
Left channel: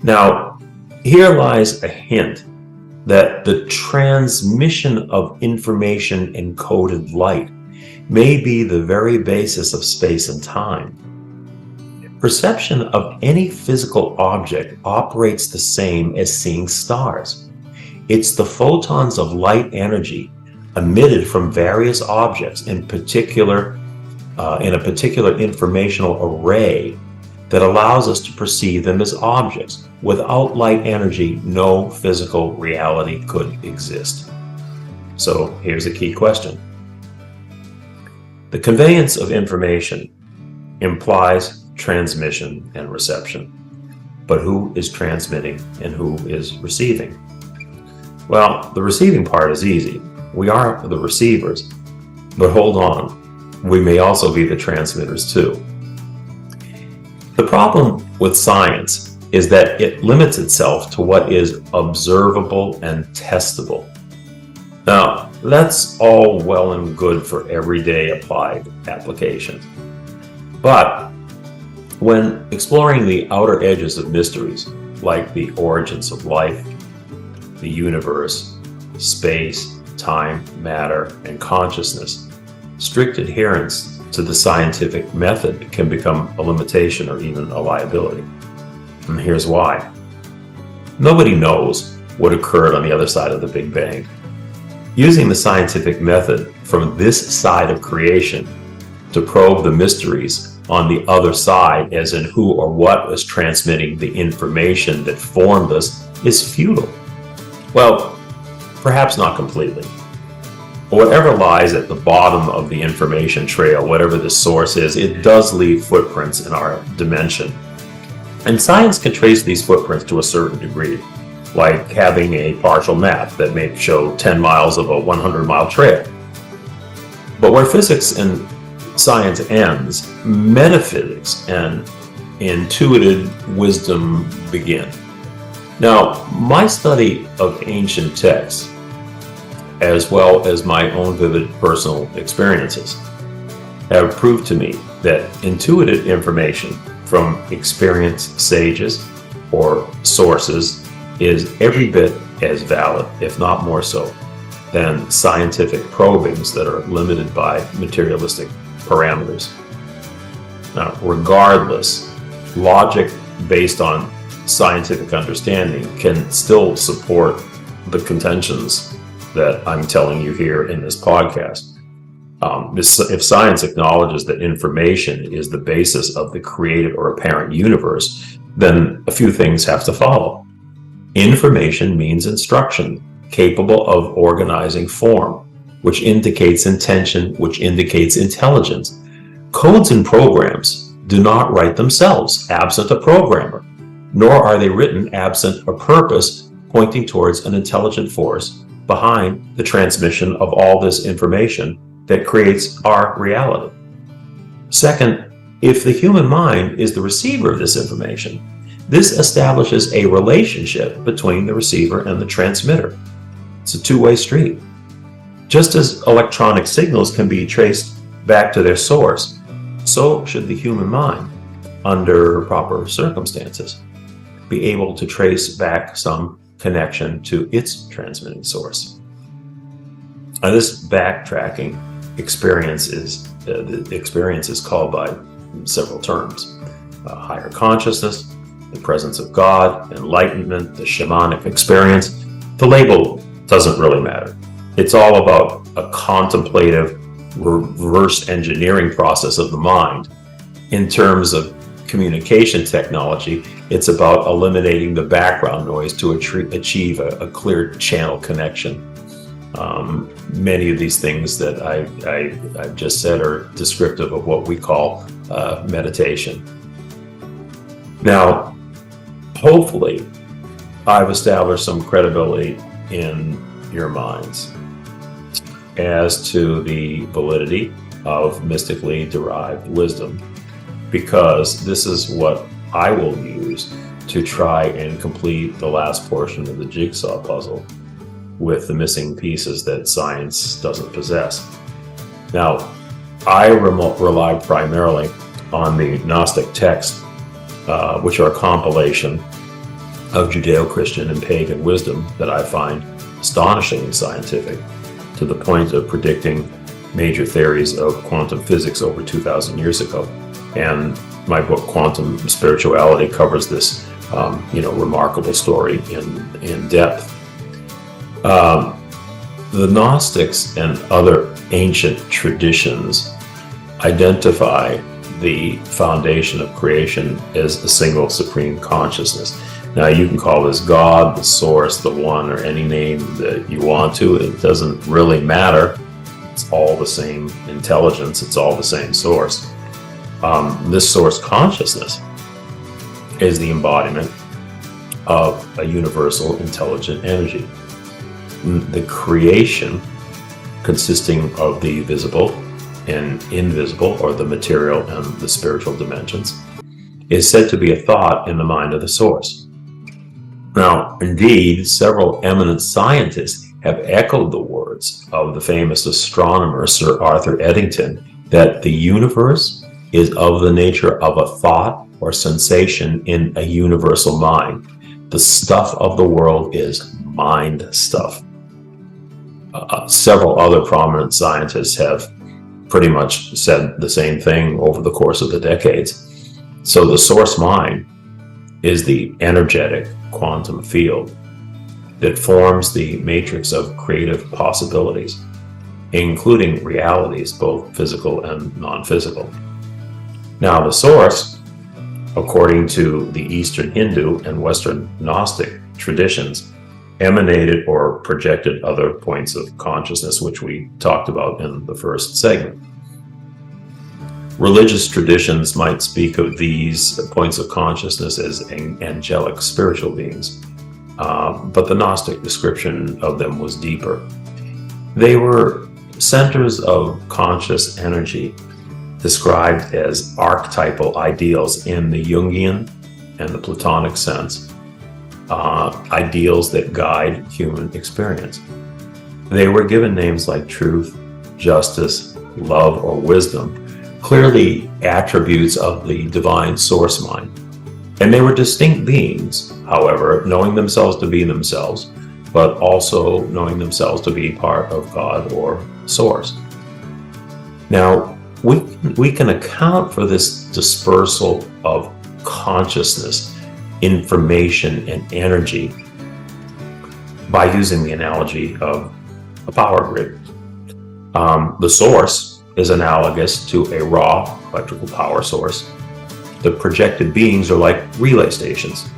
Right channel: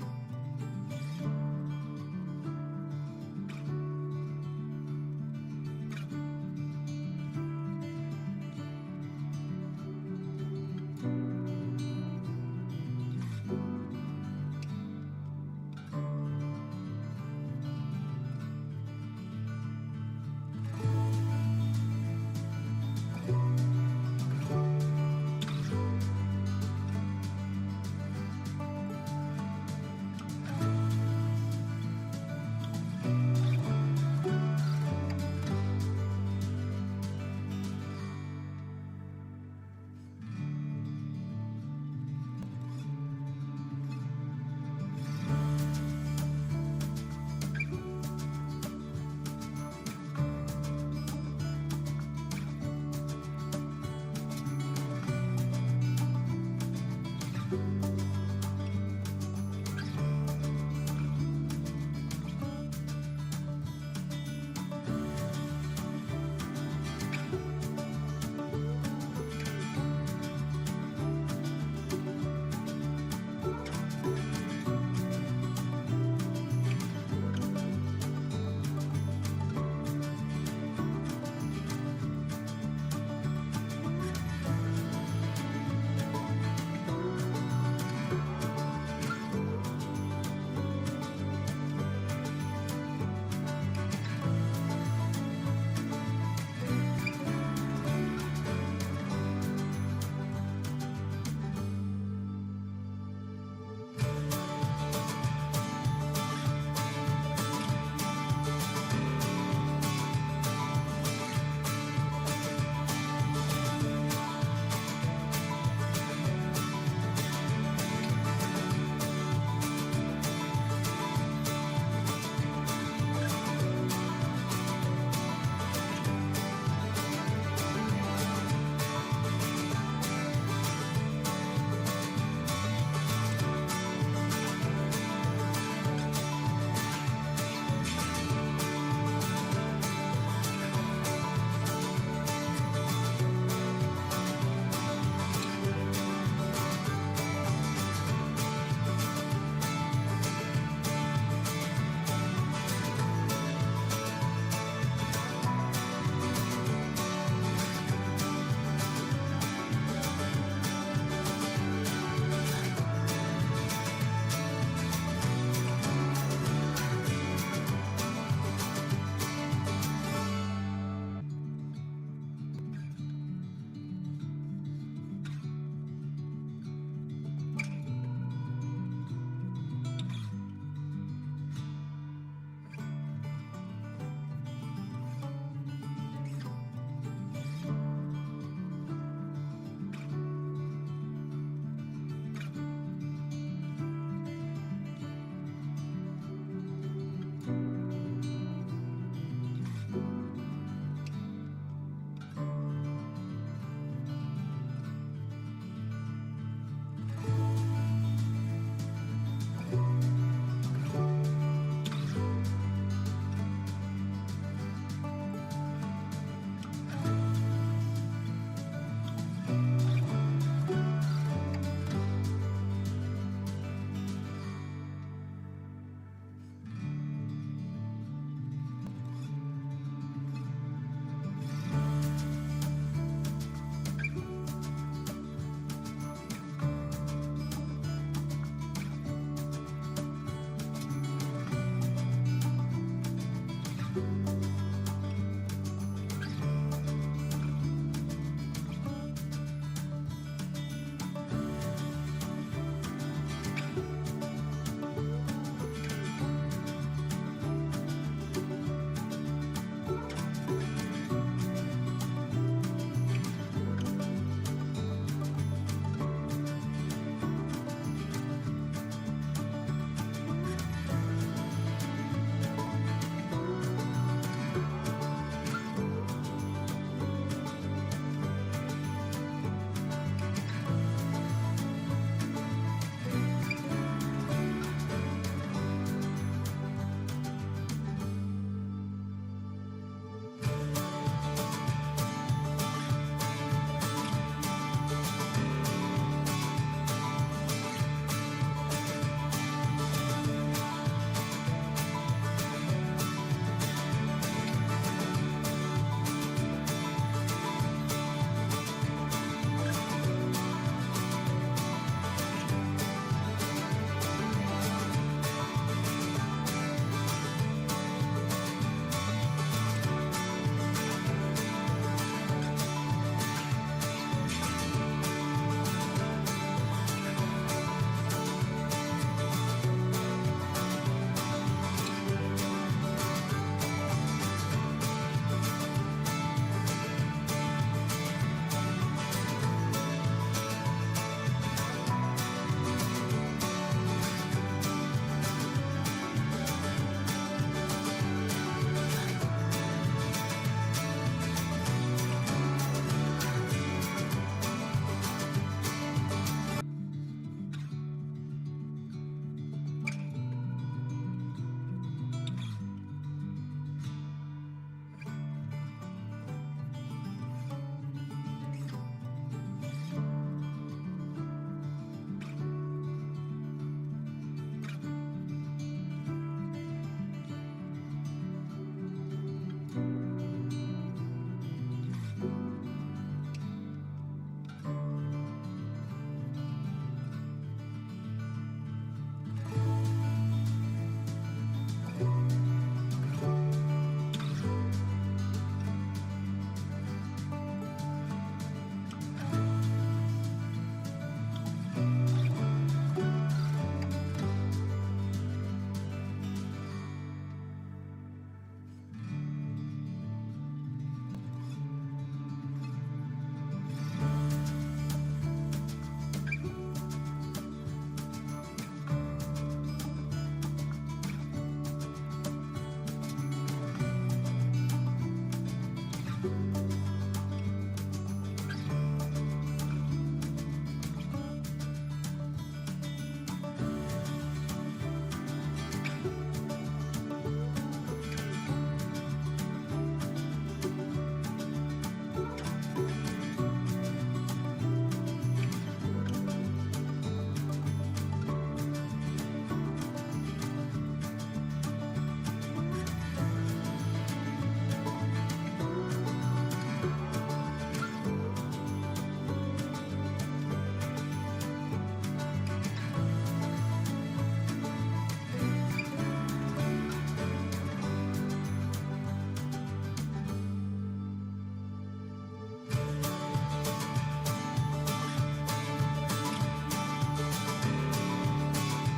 Now, here lies a hint that the transmission of information encoded light may be the very basis of space and time. Perception of any physical object operates the same as seeing stars. It's the photons of light energy emitted from various objects, in a particular informational array, that allows us to perceive them as objects. Without light energy, no physical reality could exist. So here's a key question. The conveyance of information implies transmission and reception. But who is transmitting and who is receiving? Well, the receiving part is easy. We are the receivers. But hold on, we may also be the transmitters too. The problem with science is that it limits itself to what is observable and testable. Now, that's all well and good for everyday applied applications. But when exploring the outer edges of mysteries, like the origins of life, the universe, space, time, matter, and consciousness, strict adherence to the scientific method can become a limitation or even a liability. And here's why. Nobody knows what occurred on the other side of the Big Bang. Using the scientific method from this side of creation to probe the mysteries on the other side, as in who or what was transmitting the information that formed us, is futile. Well, perhaps not completely. Whatever lies at the bottom of the information trail, whatever the source is, it does leave footprints in our dimension. And science can trace these footprints to a certain degree, like having a partial map that may show 10 miles of a 100-mile trail. But where physics and science ends, metaphysics and intuitive wisdom begin. Now, my study of ancient texts, as well as my own vivid personal experiences, have proved to me that intuitive information from experienced sages or sources is every bit as valid, if not more so, than scientific probings that are limited by materialistic parameters. Now, regardless, logic based on scientific understanding can still support the contentions that I'm telling you here in this podcast. If science acknowledges that information is the basis of the created or apparent universe, then a few things have to follow. Information means instruction, capable of organizing form, which indicates intention, which indicates intelligence. Codes and programs do not write themselves absent a programmer, nor are they written absent a purpose pointing towards an intelligent force behind the transmission of all this information that creates our reality. Second, if the human mind is the receiver of this information, this establishes a relationship between the receiver and the transmitter. It's a two-way street. Just as electronic signals can be traced back to their source, so should the human mind, under proper circumstances, be able to trace back some connection to its transmitting source. Now, this backtracking experience is called by several terms: higher consciousness, the presence of God, enlightenment, the shamanic experience. The label doesn't really matter. It's all about a contemplative reverse engineering process of the mind. In terms of communication technology, it's about eliminating the background noise to achieve a clear channel connection. Many of these things that I've just said are descriptive of what we call meditation. Now, hopefully, I've established some credibility in your minds as to the validity of mystically derived wisdom, because this is what I will use to try and complete the last portion of the jigsaw puzzle with the missing pieces that science doesn't possess. Now, I rely primarily on the Gnostic texts, which are a compilation of Judeo-Christian and pagan wisdom that I find astonishingly scientific, to the point of predicting major theories of quantum physics over 2,000 years ago. And my book, Quantum Spirituality, covers this remarkable story in depth. The Gnostics and other ancient traditions identify the foundation of creation as a single supreme consciousness. Now, you can call this God, the source, the one, or any name that you want to. It doesn't really matter. It's all the same intelligence. It's all the same source. This source consciousness is the embodiment of a universal intelligent energy. The creation, consisting of the visible and invisible, or the material and the spiritual dimensions, is said to be a thought in the mind of the source. Now, indeed, several eminent scientists have echoed the words of the famous astronomer Sir Arthur Eddington that the universe is of the nature of a thought or sensation in a universal mind. The stuff of the world is mind stuff. Several other prominent scientists have pretty much said the same thing over the course of the decades. So the source mind is the energetic quantum field that forms the matrix of creative possibilities, including realities, both physical and non-physical. Now, the source, according to the Eastern Hindu and Western Gnostic traditions, emanated or projected other points of consciousness, which we talked about in the first segment. Religious traditions might speak of these points of consciousness as angelic spiritual beings, but the Gnostic description of them was deeper. They were centers of conscious energy described as archetypal ideals in the Jungian and the Platonic sense, ideals that guide human experience. They were given names like truth, justice, love, or wisdom, clearly attributes of the divine source mind. And they were distinct beings, however, knowing themselves to be themselves, but also knowing themselves to be part of God or source. Now, we can account for this dispersal of consciousness, information, and energy by using the analogy of a power grid. The source is analogous to a raw electrical power source. The projected beings are like relay stations.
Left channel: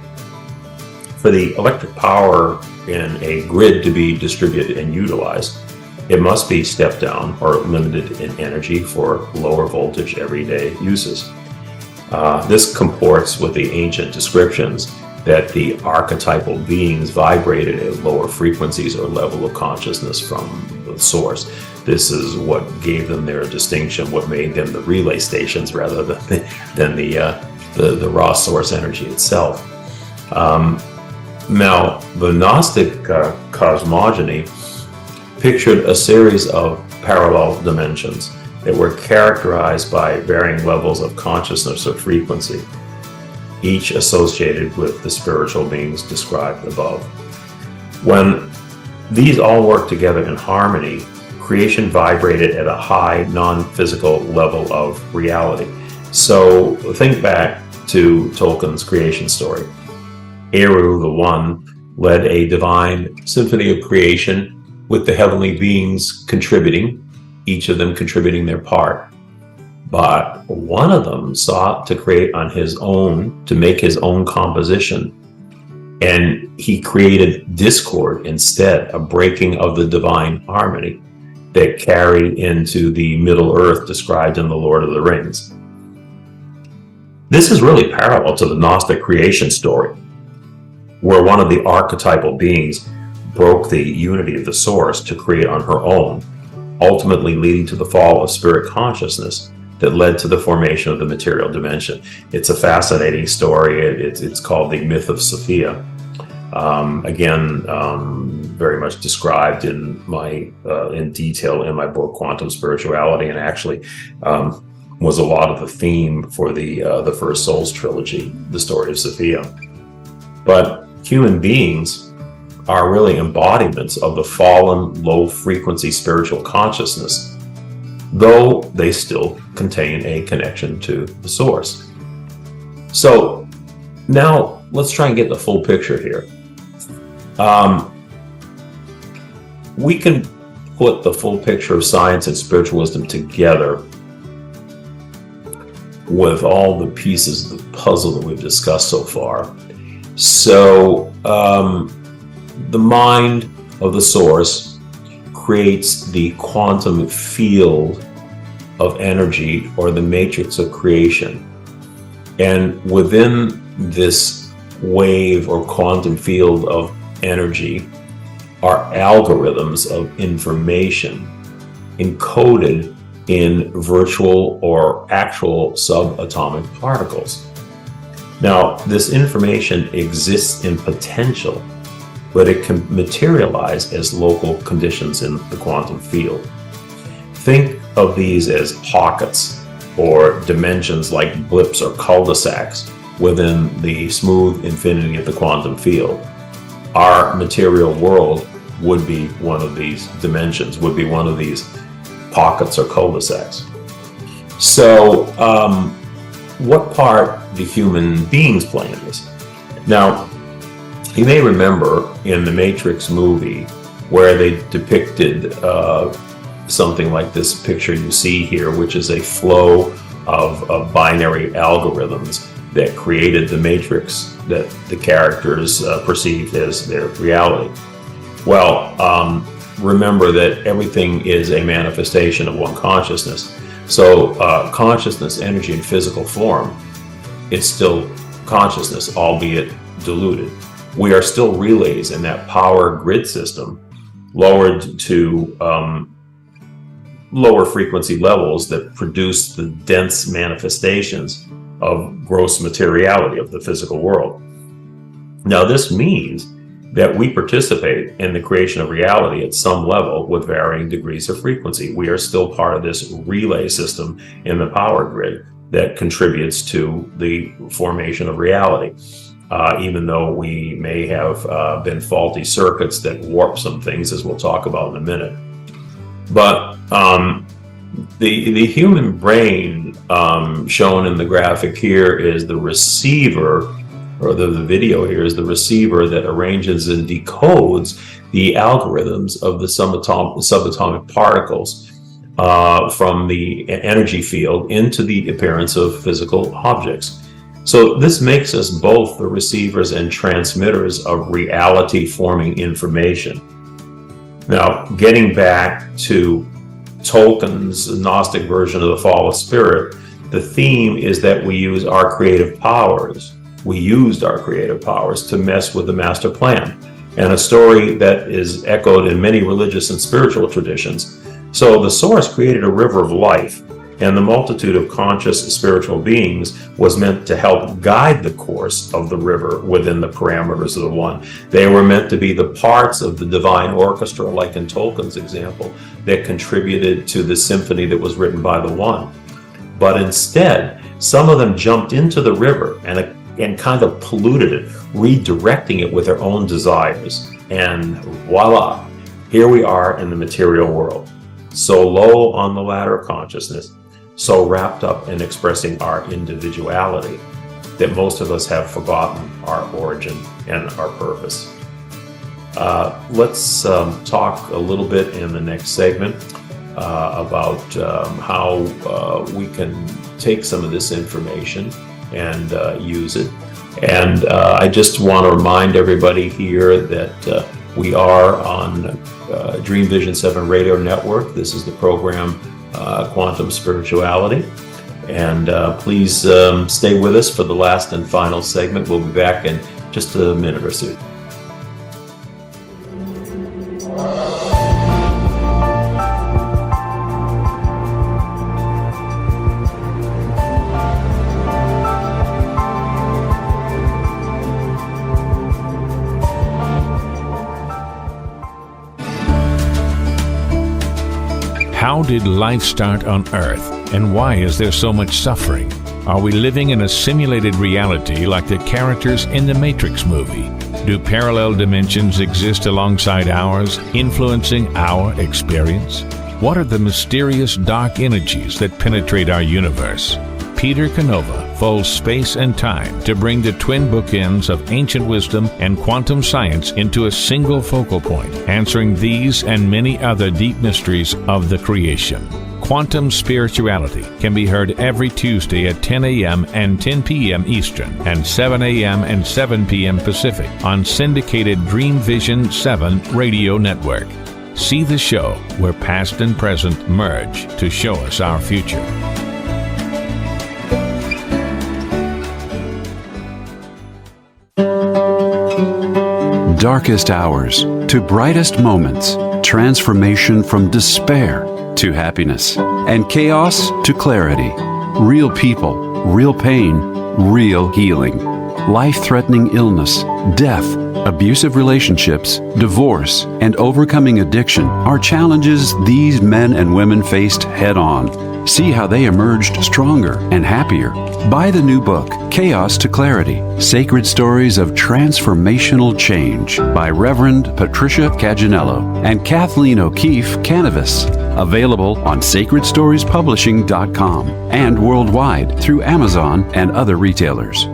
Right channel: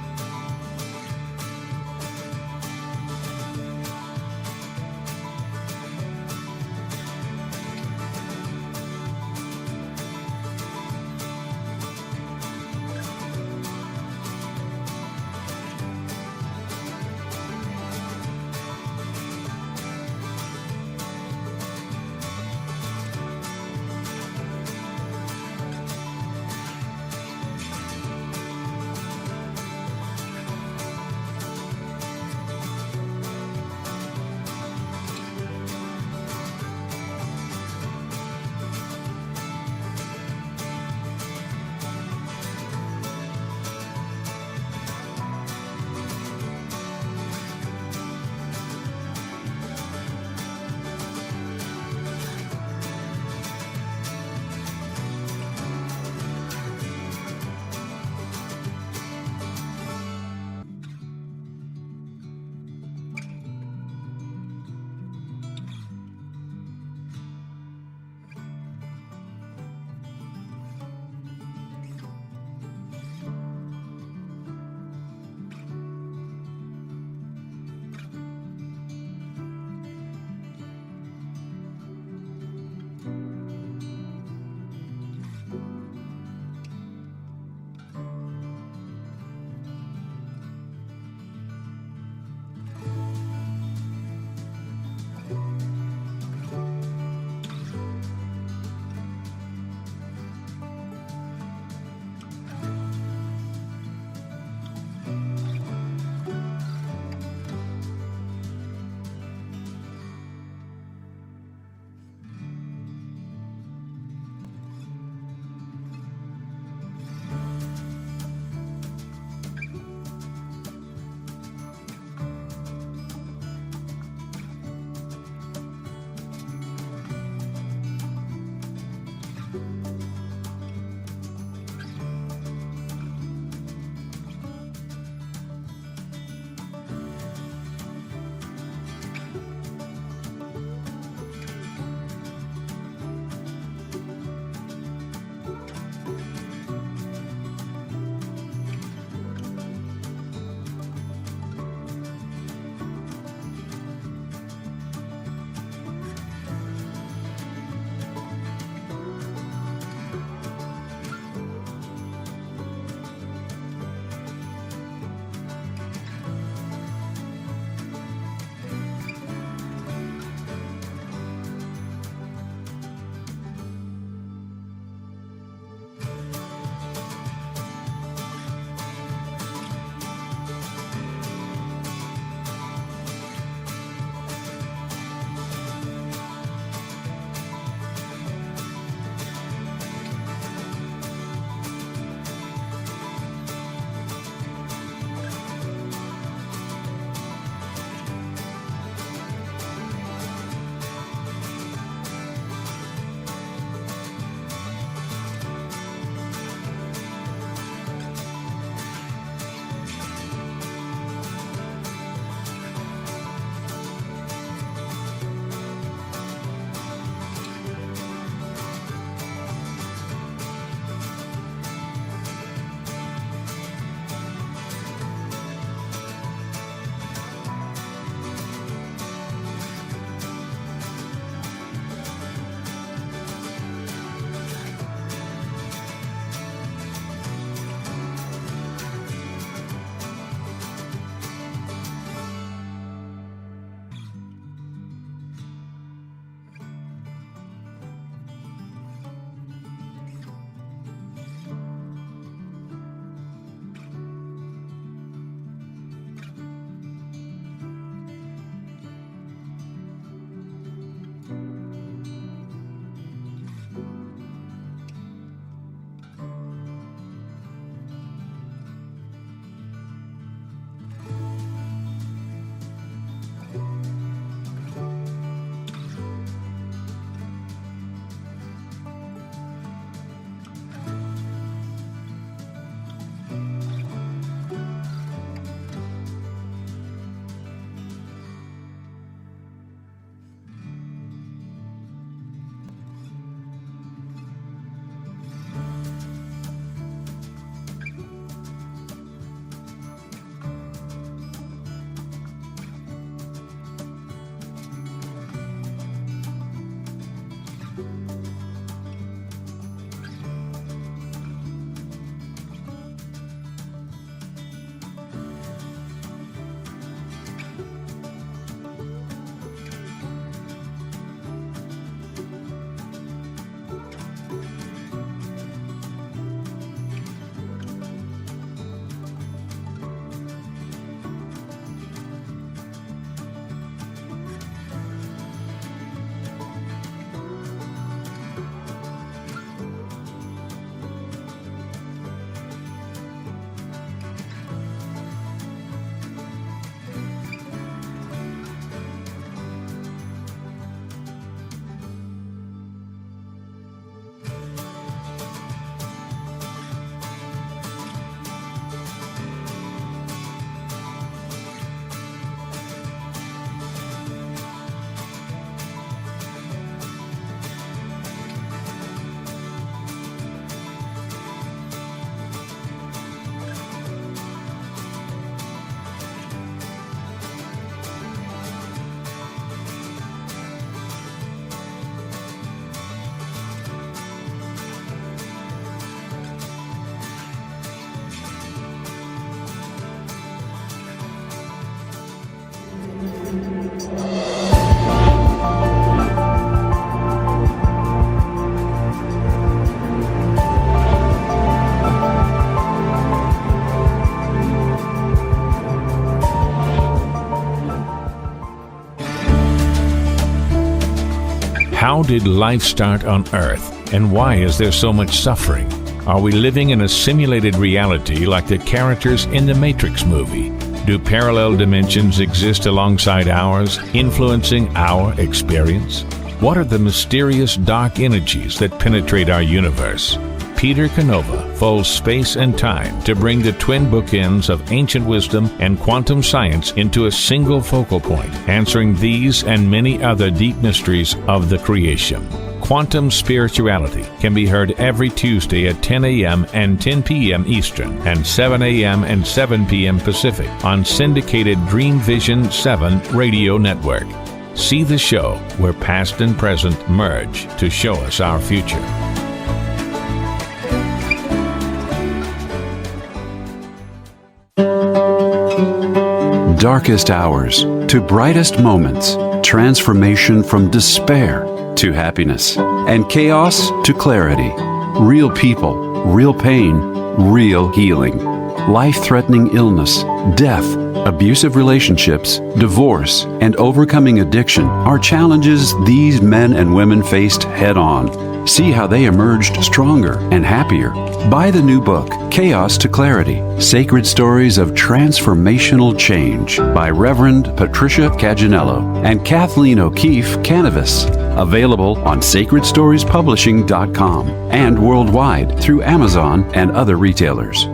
For the electric power in a grid to be distributed and utilized, it must be stepped down or limited in energy for lower voltage everyday uses. This comports with the ancient descriptions that the archetypal beings vibrated at lower frequencies or level of consciousness from the source. This is what gave them their distinction, what made them the relay stations rather than the raw source energy itself. Now, the Gnostic cosmogony pictured a series of parallel dimensions that were characterized by varying levels of consciousness or frequency, each associated with the spiritual beings described above. When these all worked together in harmony, creation vibrated at a high non-physical level of reality. So think back to Tolkien's creation story. Eru, the One, led a divine symphony of creation with the heavenly beings contributing, each of them contributing their part. But one of them sought to create on his own, to make his own composition. And he created discord instead, a breaking of the divine harmony that carried into the Middle Earth described in The Lord of the Rings. This is really parallel to the Gnostic creation story, where one of the archetypal beings broke the unity of the source to create on her own, ultimately leading to the fall of spirit consciousness that led to the formation of the material dimension. It's a fascinating story. It's called the myth of Sophia. Very much described in detail in my book, Quantum Spirituality, and actually was a lot of the theme for the First Souls trilogy, the story of Sophia. But human beings are really embodiments of the fallen, low-frequency spiritual consciousness, though they still contain a connection to the source. So now let's try and get the full picture here. We can put the full picture of science and spiritual wisdom together with all the pieces of the puzzle that we've discussed so far. So the mind of the source creates the quantum field of energy, or the matrix of creation. And within this wave or quantum field of energy are algorithms of information encoded in virtual or actual subatomic particles. Now, this information exists in potential, but it can materialize as local conditions in the quantum field. Think of these as pockets or dimensions like blips or cul-de-sacs within the smooth infinity of the quantum field. Our material world would be one of these dimensions, would be one of these pockets or cul-de-sacs. So what part do human beings play in this? Now, you may remember in the Matrix movie where they depicted something like this picture you see here, which is a flow of binary algorithms that created the Matrix that the characters perceived as their reality. Well, remember that everything is a manifestation of one consciousness. So consciousness, energy, and physical form, it's still consciousness, albeit diluted. We are still relays in that power grid system, lowered to lower frequency levels that produce the dense manifestations of gross materiality of the physical world. Now, this means that we participate in the creation of reality at some level with varying degrees of frequency. We are still part of this relay system in the power grid that contributes to the formation of reality, even though we may have been faulty circuits that warp some things, as we'll talk about in a minute. But the human brain shown in the graphic here is the receiver, or the video here is the receiver that arranges and decodes the algorithms of the subatomic particles from the energy field into the appearance of physical objects. So this makes us both the receivers and transmitters of reality-forming information. Now, getting back to Tolkien's Gnostic version of the fall of spirit, the theme is that we used our creative powers to mess with the master plan, and a story that is echoed in many religious and spiritual traditions. So the source created a river of life, and the multitude of conscious spiritual beings was meant to help guide the course of the river within the parameters of the one. They were meant to be the parts of the divine orchestra, like in Tolkien's example, that contributed to the symphony that was written by the one. But instead, some of them jumped into the river and kind of polluted it, redirecting it with their own desires. And voila, here we are in the material world, so low on the ladder of consciousness, so wrapped up in expressing our individuality that most of us have forgotten our origin and our purpose. Let's talk a little bit in the next segment about how we can take some of this information and use it And I just want to remind everybody here that we are on Dream Vision 7 Radio Network. This is the program Quantum Spirituality. And please stay with us for the last and final segment. We'll be back in just a minute or two. How did life start on Earth, and why is there so much suffering? Are we living in a simulated reality like the characters in the Matrix movie? Do parallel dimensions exist alongside ours, influencing our experience? What are the mysterious dark energies that penetrate our universe? Peter Canova folds space and time to bring the twin bookends of ancient wisdom and quantum science into a single focal point, answering these and many other deep mysteries of the creation. Quantum Spirituality can be heard every Tuesday at 10 a.m. and 10 p.m. Eastern and 7 a.m. and 7 p.m. Pacific on syndicated Dreamvisions 7 Radio Network. See the show where past and present merge to show us our future. Darkest hours to brightest moments, transformation from despair to happiness, and chaos to clarity. Real people, real pain, real healing. Life-threatening illness, death, abusive relationships, divorce, and overcoming addiction are challenges these men and women faced head-on. See how they emerged stronger and happier. Buy the new book, Chaos to Clarity, Sacred Stories of Transformational Change by Reverend Patricia Caginello and Kathleen O'Keefe Canavas. Available on sacredstoriespublishing.com and worldwide through Amazon and other retailers.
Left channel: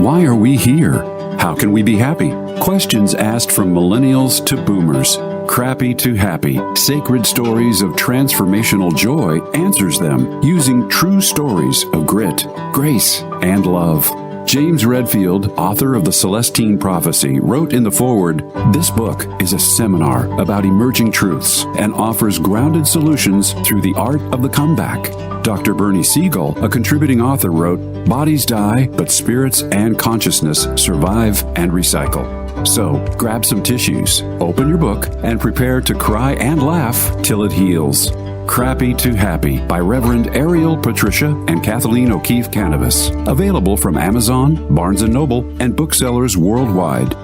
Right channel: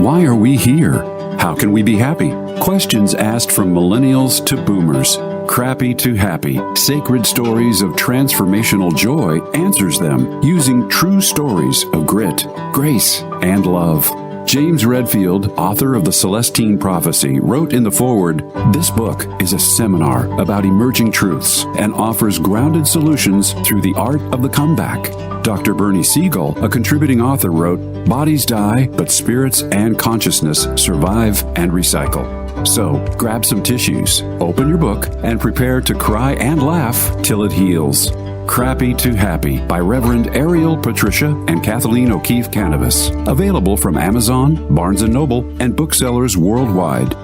Why are we here? How can we be happy? Questions asked from millennials to boomers. Crappy to Happy, Sacred Stories of Transformational Joy answers them using true stories of grit, grace, and love. James Redfield, author of The Celestine Prophecy, wrote in the foreword, "This book is a seminar about emerging truths and offers grounded solutions through the art of the comeback." Dr. Bernie Siegel, a contributing author, wrote, "Bodies die, but spirits and consciousness survive and recycle." So, grab some tissues, open your book, and prepare to cry and laugh till it heals. Crappy to Happy by Reverend Ariel Patricia and Kathleen O'Keefe Canavas. Available from Amazon, Barnes & Noble, and booksellers worldwide.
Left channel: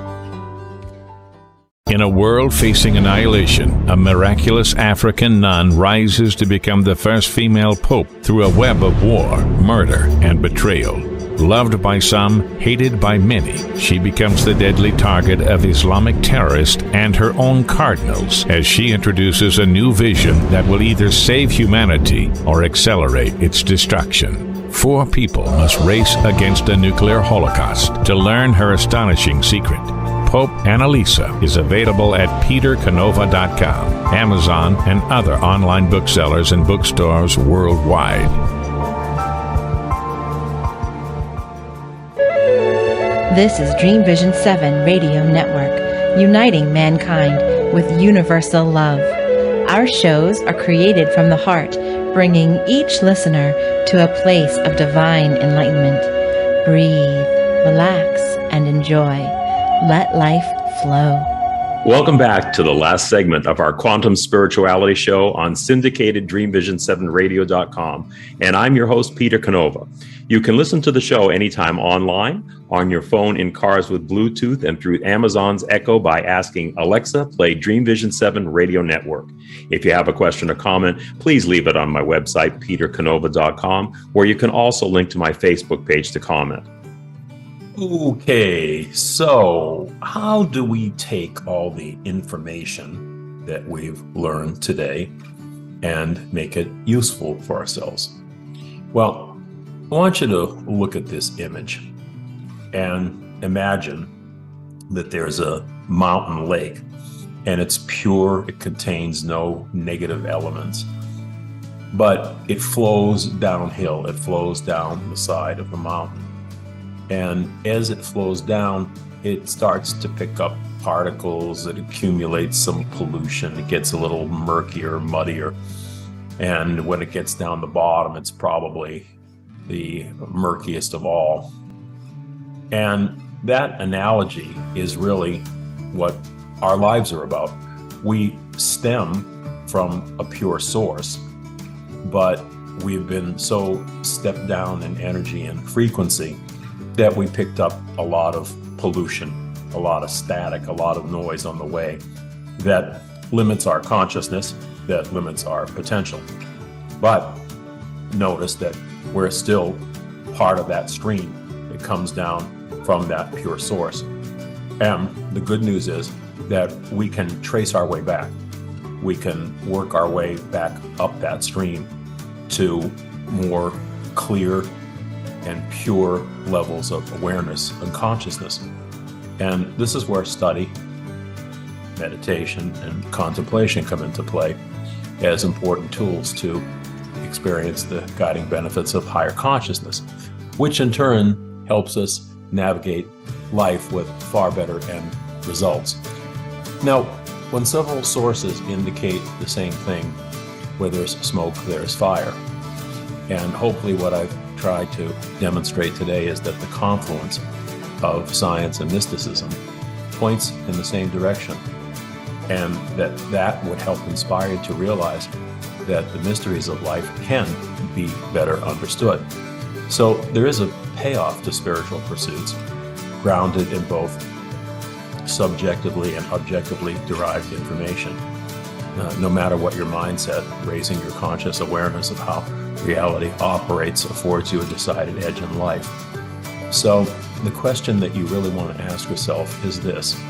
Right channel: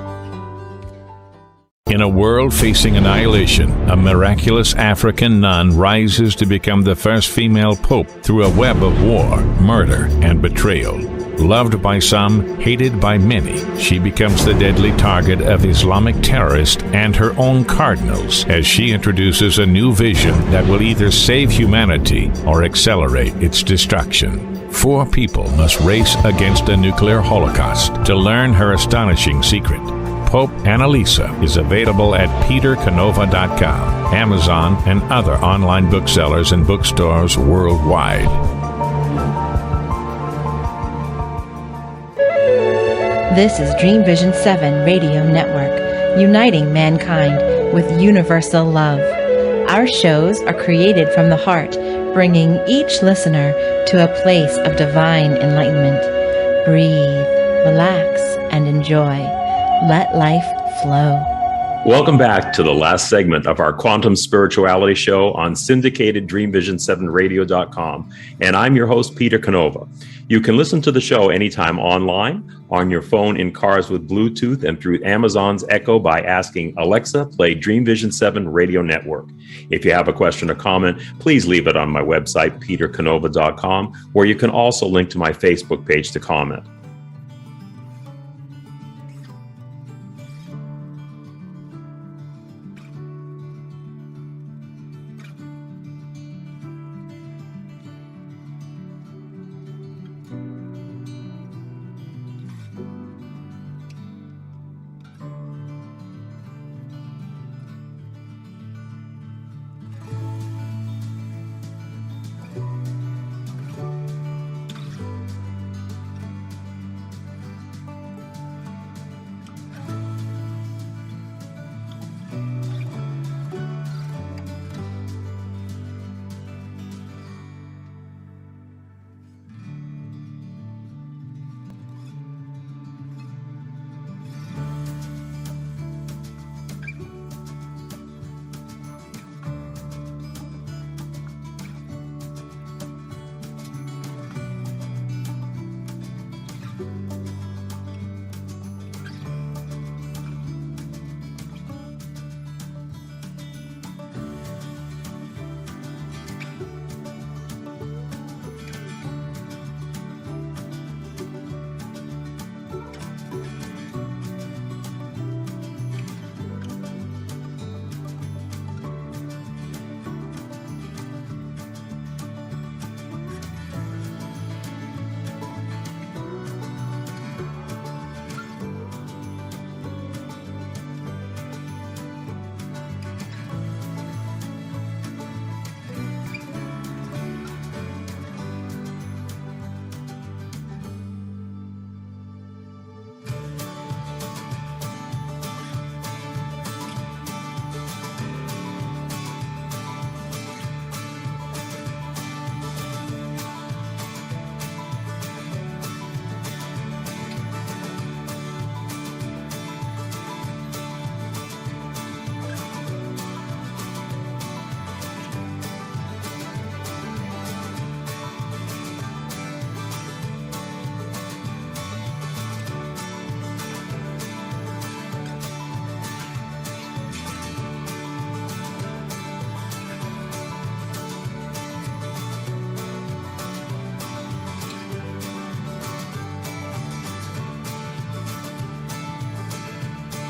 In a world facing annihilation, a miraculous African nun rises to become the first female pope through a web of war, murder, and betrayal. Loved by some, hated by many, she becomes the deadly target of Islamic terrorists and her own cardinals as she introduces a new vision that will either save humanity or accelerate its destruction. 4 people must race against a nuclear holocaust to learn her astonishing secret. Pope Annalisa is available at petercanova.com, Amazon, and other online booksellers and bookstores worldwide. This is Dreamvision 7 Radio Network, uniting mankind with universal love. Our shows are created from the heart, bringing each listener to a place of divine enlightenment. Breathe, relax, and enjoy. Let life flow. Welcome back to the last segment of our Quantum Spirituality Show on syndicated Dreamvision7radio.com. And I'm your host, Peter Canova. You can listen to the show anytime online, on your phone, in cars with Bluetooth, and through Amazon's Echo by asking Alexa, play Dreamvision 7 Radio Network. If you have a question or comment, please leave it on my website, petercanova.com, where you can also link to my Facebook page to comment. Okay, so how do we take all the information that we've learned today and make it useful for ourselves? Well, I want you to look at this image and imagine that there's a mountain lake and it's pure, it contains no negative elements. but it flows downhill. It flows down the side of the mountain. And as it flows down, it starts to pick up particles. It accumulates some pollution. It gets a little murkier, muddier. And when it gets down the bottom, it's probably the murkiest of all. And that analogy is really what our lives are about. We stem from a pure source, but we've been so stepped down in energy and frequency that we picked up a lot of pollution, a lot of static, a lot of noise on the way that limits our consciousness, that limits our potential. But notice that we're still part of that stream that comes down from that pure source. And the good news is that we can trace our way back. We can work our way back up that stream to more clear and pure levels of awareness and consciousness. And this is where study, meditation, and contemplation come into play as important tools to experience the guiding benefits of higher consciousness, which in turn helps us navigate life with far better end results. Now, when several sources indicate the same thing, where there's smoke, there's fire. And hopefully what I've tried to demonstrate today is that the confluence of science and mysticism points in the same direction, and that would help inspire you to realize that the mysteries of life can be better understood. So there is a payoff to spiritual pursuits, grounded in both subjectively and objectively derived information. No matter what your mindset, raising your conscious awareness of how reality operates affords you a decided edge in life. So the question that you really want to ask yourself is this:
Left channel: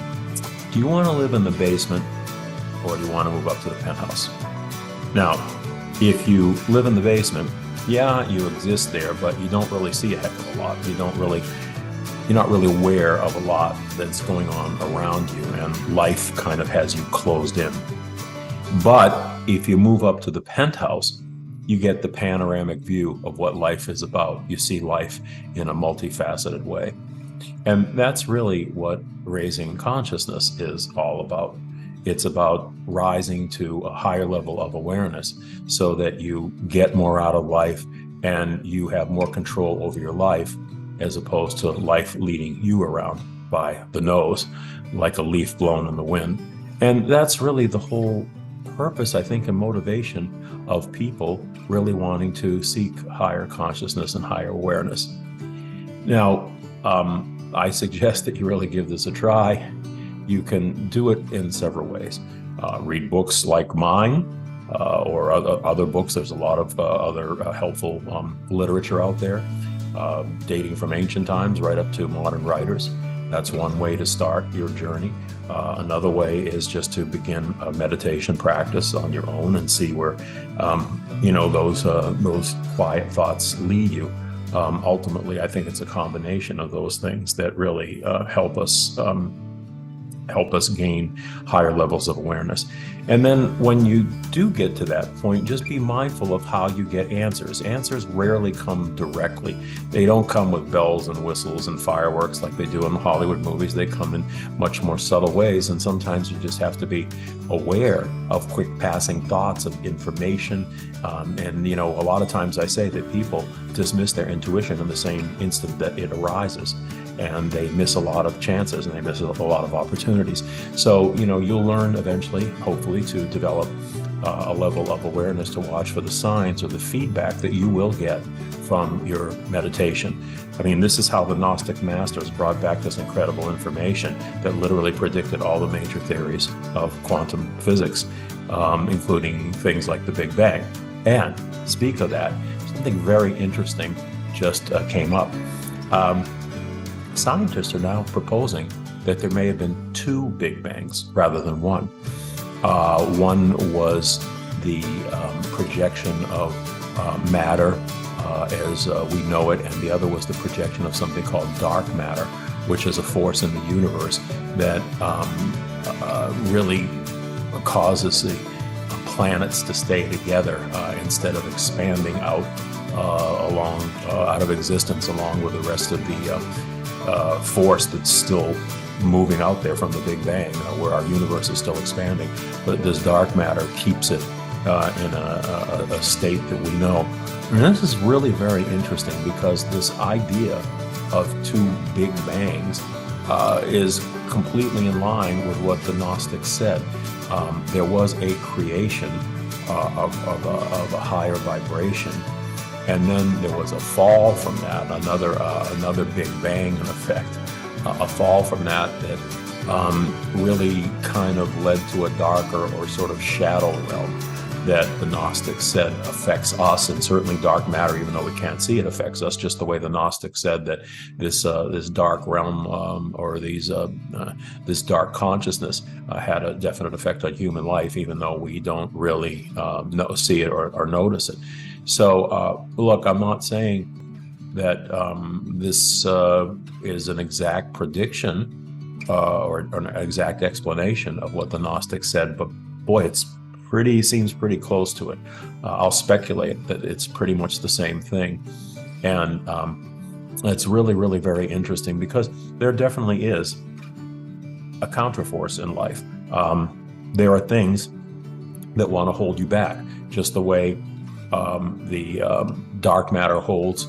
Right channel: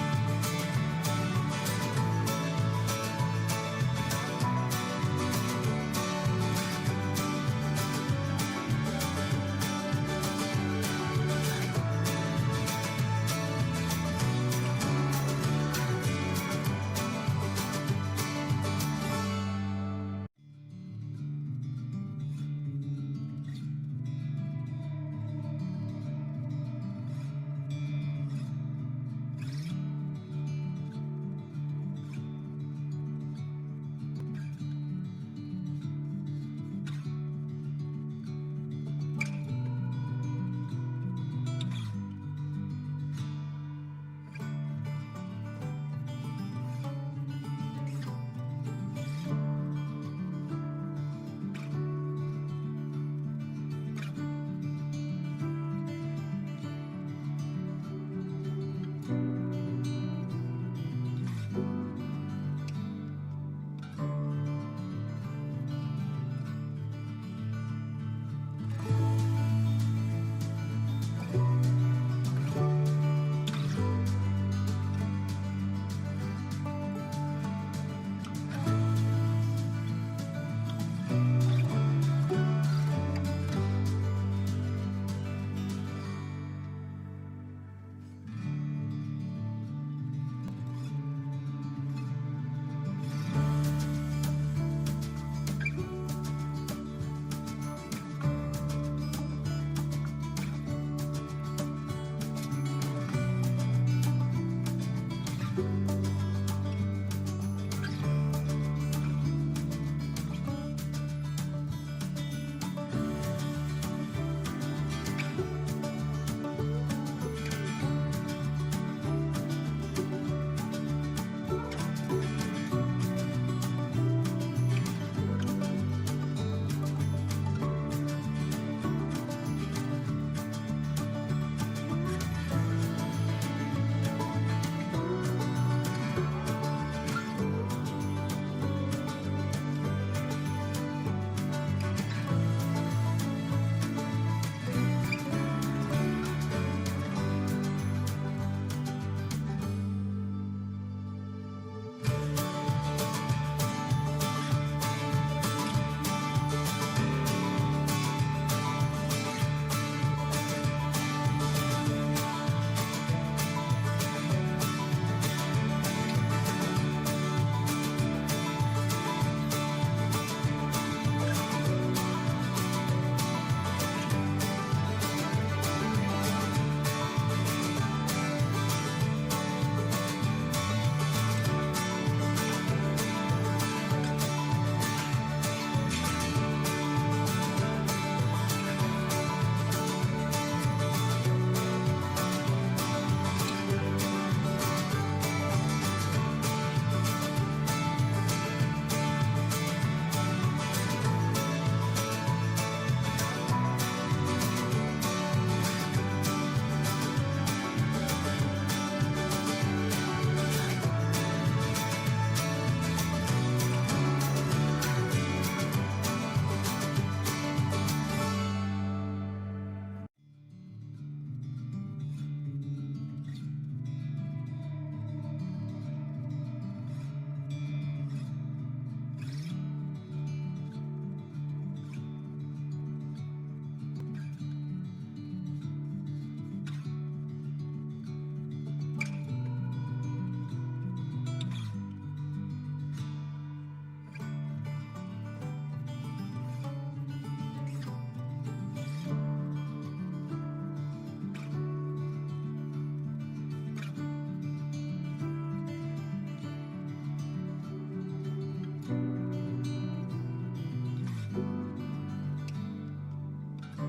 do you want to live in the basement, or do you want to move up to the penthouse? Now, if you live in the basement, yeah, you exist there, but you don't really see a heck of a lot. You're not really aware of a lot that's going on around you, and life kind of has you closed in. But if you move up to the penthouse, you get the panoramic view of what life is about. You see life in a multifaceted way. And that's really what raising consciousness is all about. It's about rising to a higher level of awareness so that you get more out of life and you have more control over your life, as opposed to life leading you around by the nose like a leaf blown in the wind. And that's really the whole purpose, I think, and motivation of people really wanting to seek higher consciousness and higher awareness. Now, I suggest that you really give this a try. You can do it in several ways. Read books like mine or other books. There's a lot of other helpful literature out there, dating from ancient times right up to modern writers. That's one way to start your journey. Another way is just to begin a meditation practice on your own and see where those quiet thoughts lead you. Ultimately, I think it's a combination of those things that really help us gain higher levels of awareness. And then when you do get to that point, just be mindful of how you get answers. Answers rarely come directly. They don't come with bells and whistles and fireworks like they do in the Hollywood movies. They come in much more subtle ways, and sometimes you just have to be aware of quick passing thoughts of information. And a lot of times I say that people dismiss their intuition in the same instant that it arises, and they miss a lot of chances and they miss a lot of opportunities. So, you'll learn eventually, hopefully, to develop a level of awareness to watch for the signs or the feedback that you will get from your meditation. I mean, this is how the Gnostic masters brought back this incredible information that literally predicted all the major theories of quantum physics, including things like the Big Bang. And speak of that, something very interesting just came up. Scientists are now proposing that there may have been two Big Bangs rather than one. One was the projection of matter as we know it, and the other was the projection of something called dark matter, which is a force in the universe that really causes the planets to stay together instead of expanding out out of existence along with the rest of the force that's still moving out there from the Big Bang, where our universe is still expanding. But this dark matter keeps it in a state that we know. And this is really very interesting because this idea of two Big Bangs is completely in line with what the Gnostics said. There was a creation of a higher vibration, and then there was a fall from that, another Big Bang in effect, a fall from that really kind of led to a darker or sort of shadow realm that the Gnostics said affects us, and certainly dark matter, even though we can't see it, affects us, just the way the Gnostics said that this dark realm or this dark consciousness had a definite effect on human life, even though we don't really see it or notice it. So look, I'm not saying that this is an exact prediction or an exact explanation of what the Gnostics said, but boy, seems pretty close to it. I'll speculate that it's pretty much the same thing. And it's really, really very interesting because there definitely is a counterforce in life. There are things that want to hold you back, just the way the dark matter holds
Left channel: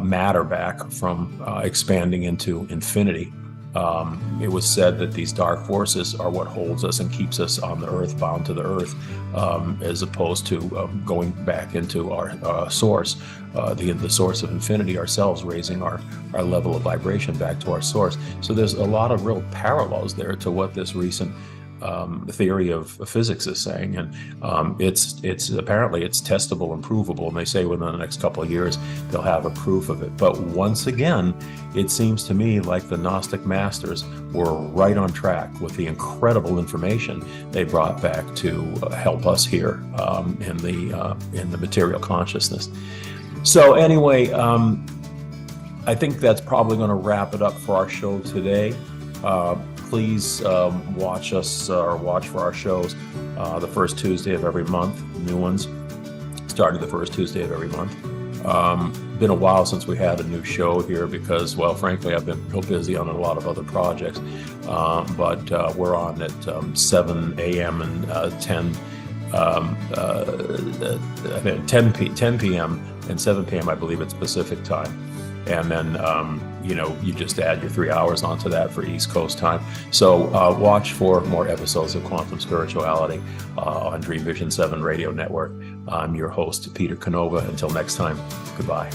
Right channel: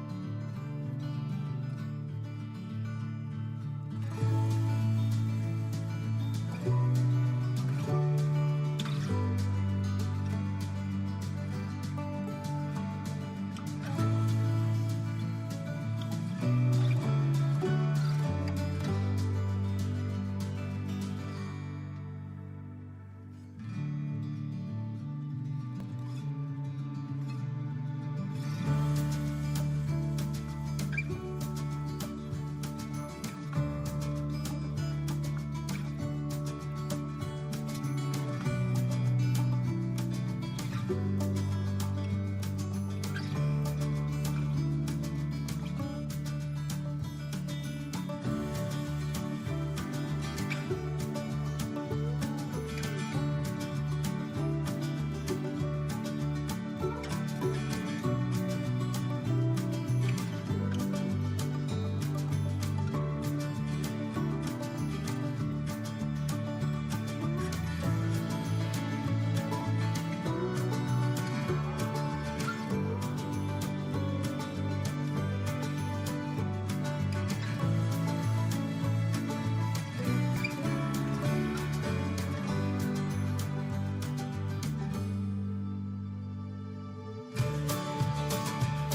matter back from expanding into infinity. It was said that these dark forces are what holds us and keeps us on the earth, bound to the earth, as opposed to going back into our source, the source of infinity ourselves, raising our level of vibration back to our source. So there's a lot of real parallels there to what this recent theory of physics is saying, and it's apparently it's testable and provable, and they say within the next couple of years they'll have a proof of it. But once again, it seems to me like the Gnostic masters were right on track with the incredible information they brought back to help us here in the material consciousness. So anyway, I think that's probably going to wrap it up for our show today. Please watch us or watch for our shows the first Tuesday of every month. New ones starting the first Tuesday of every month. Been a while since we had a new show here because, well, frankly, I've been real busy on a lot of other projects. But we're on at 7 a.m. and 10 p.m. and 7 p.m. I believe it's Pacific time. And then you just add your 3 hours onto that for East Coast time. So watch for more episodes of Quantum Spirituality on Dreamvisions 7 Radio Network. I'm your host, Peter Canova. Until next time, goodbye.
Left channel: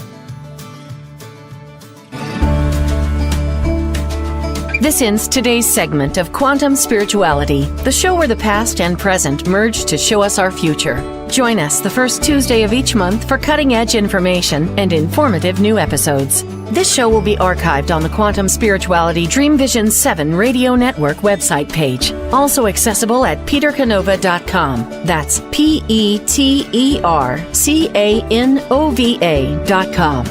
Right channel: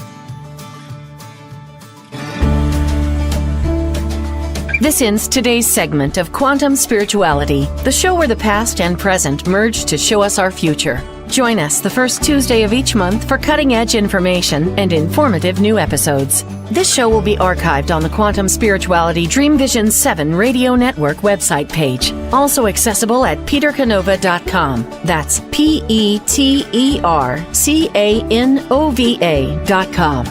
This ends today's segment of Quantum Spirituality, the show where the past and present merge to show us our future. Join us the first Tuesday of each month for cutting-edge information and informative new episodes. This show will be archived on the Quantum Spirituality Dreamvisions 7 Radio Network website page, also accessible at petercanova.com. That's petercanova.com.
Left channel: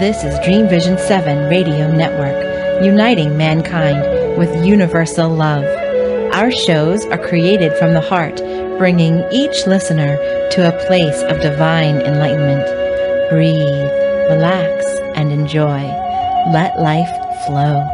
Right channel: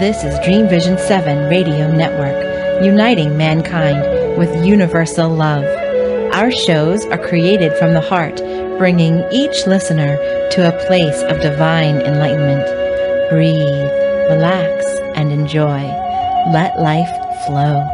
This is Dreamvision 7 Radio Network, uniting mankind with universal love. Our shows are created from the heart, bringing each listener to a place of divine enlightenment. Breathe, relax, and enjoy. Let life flow.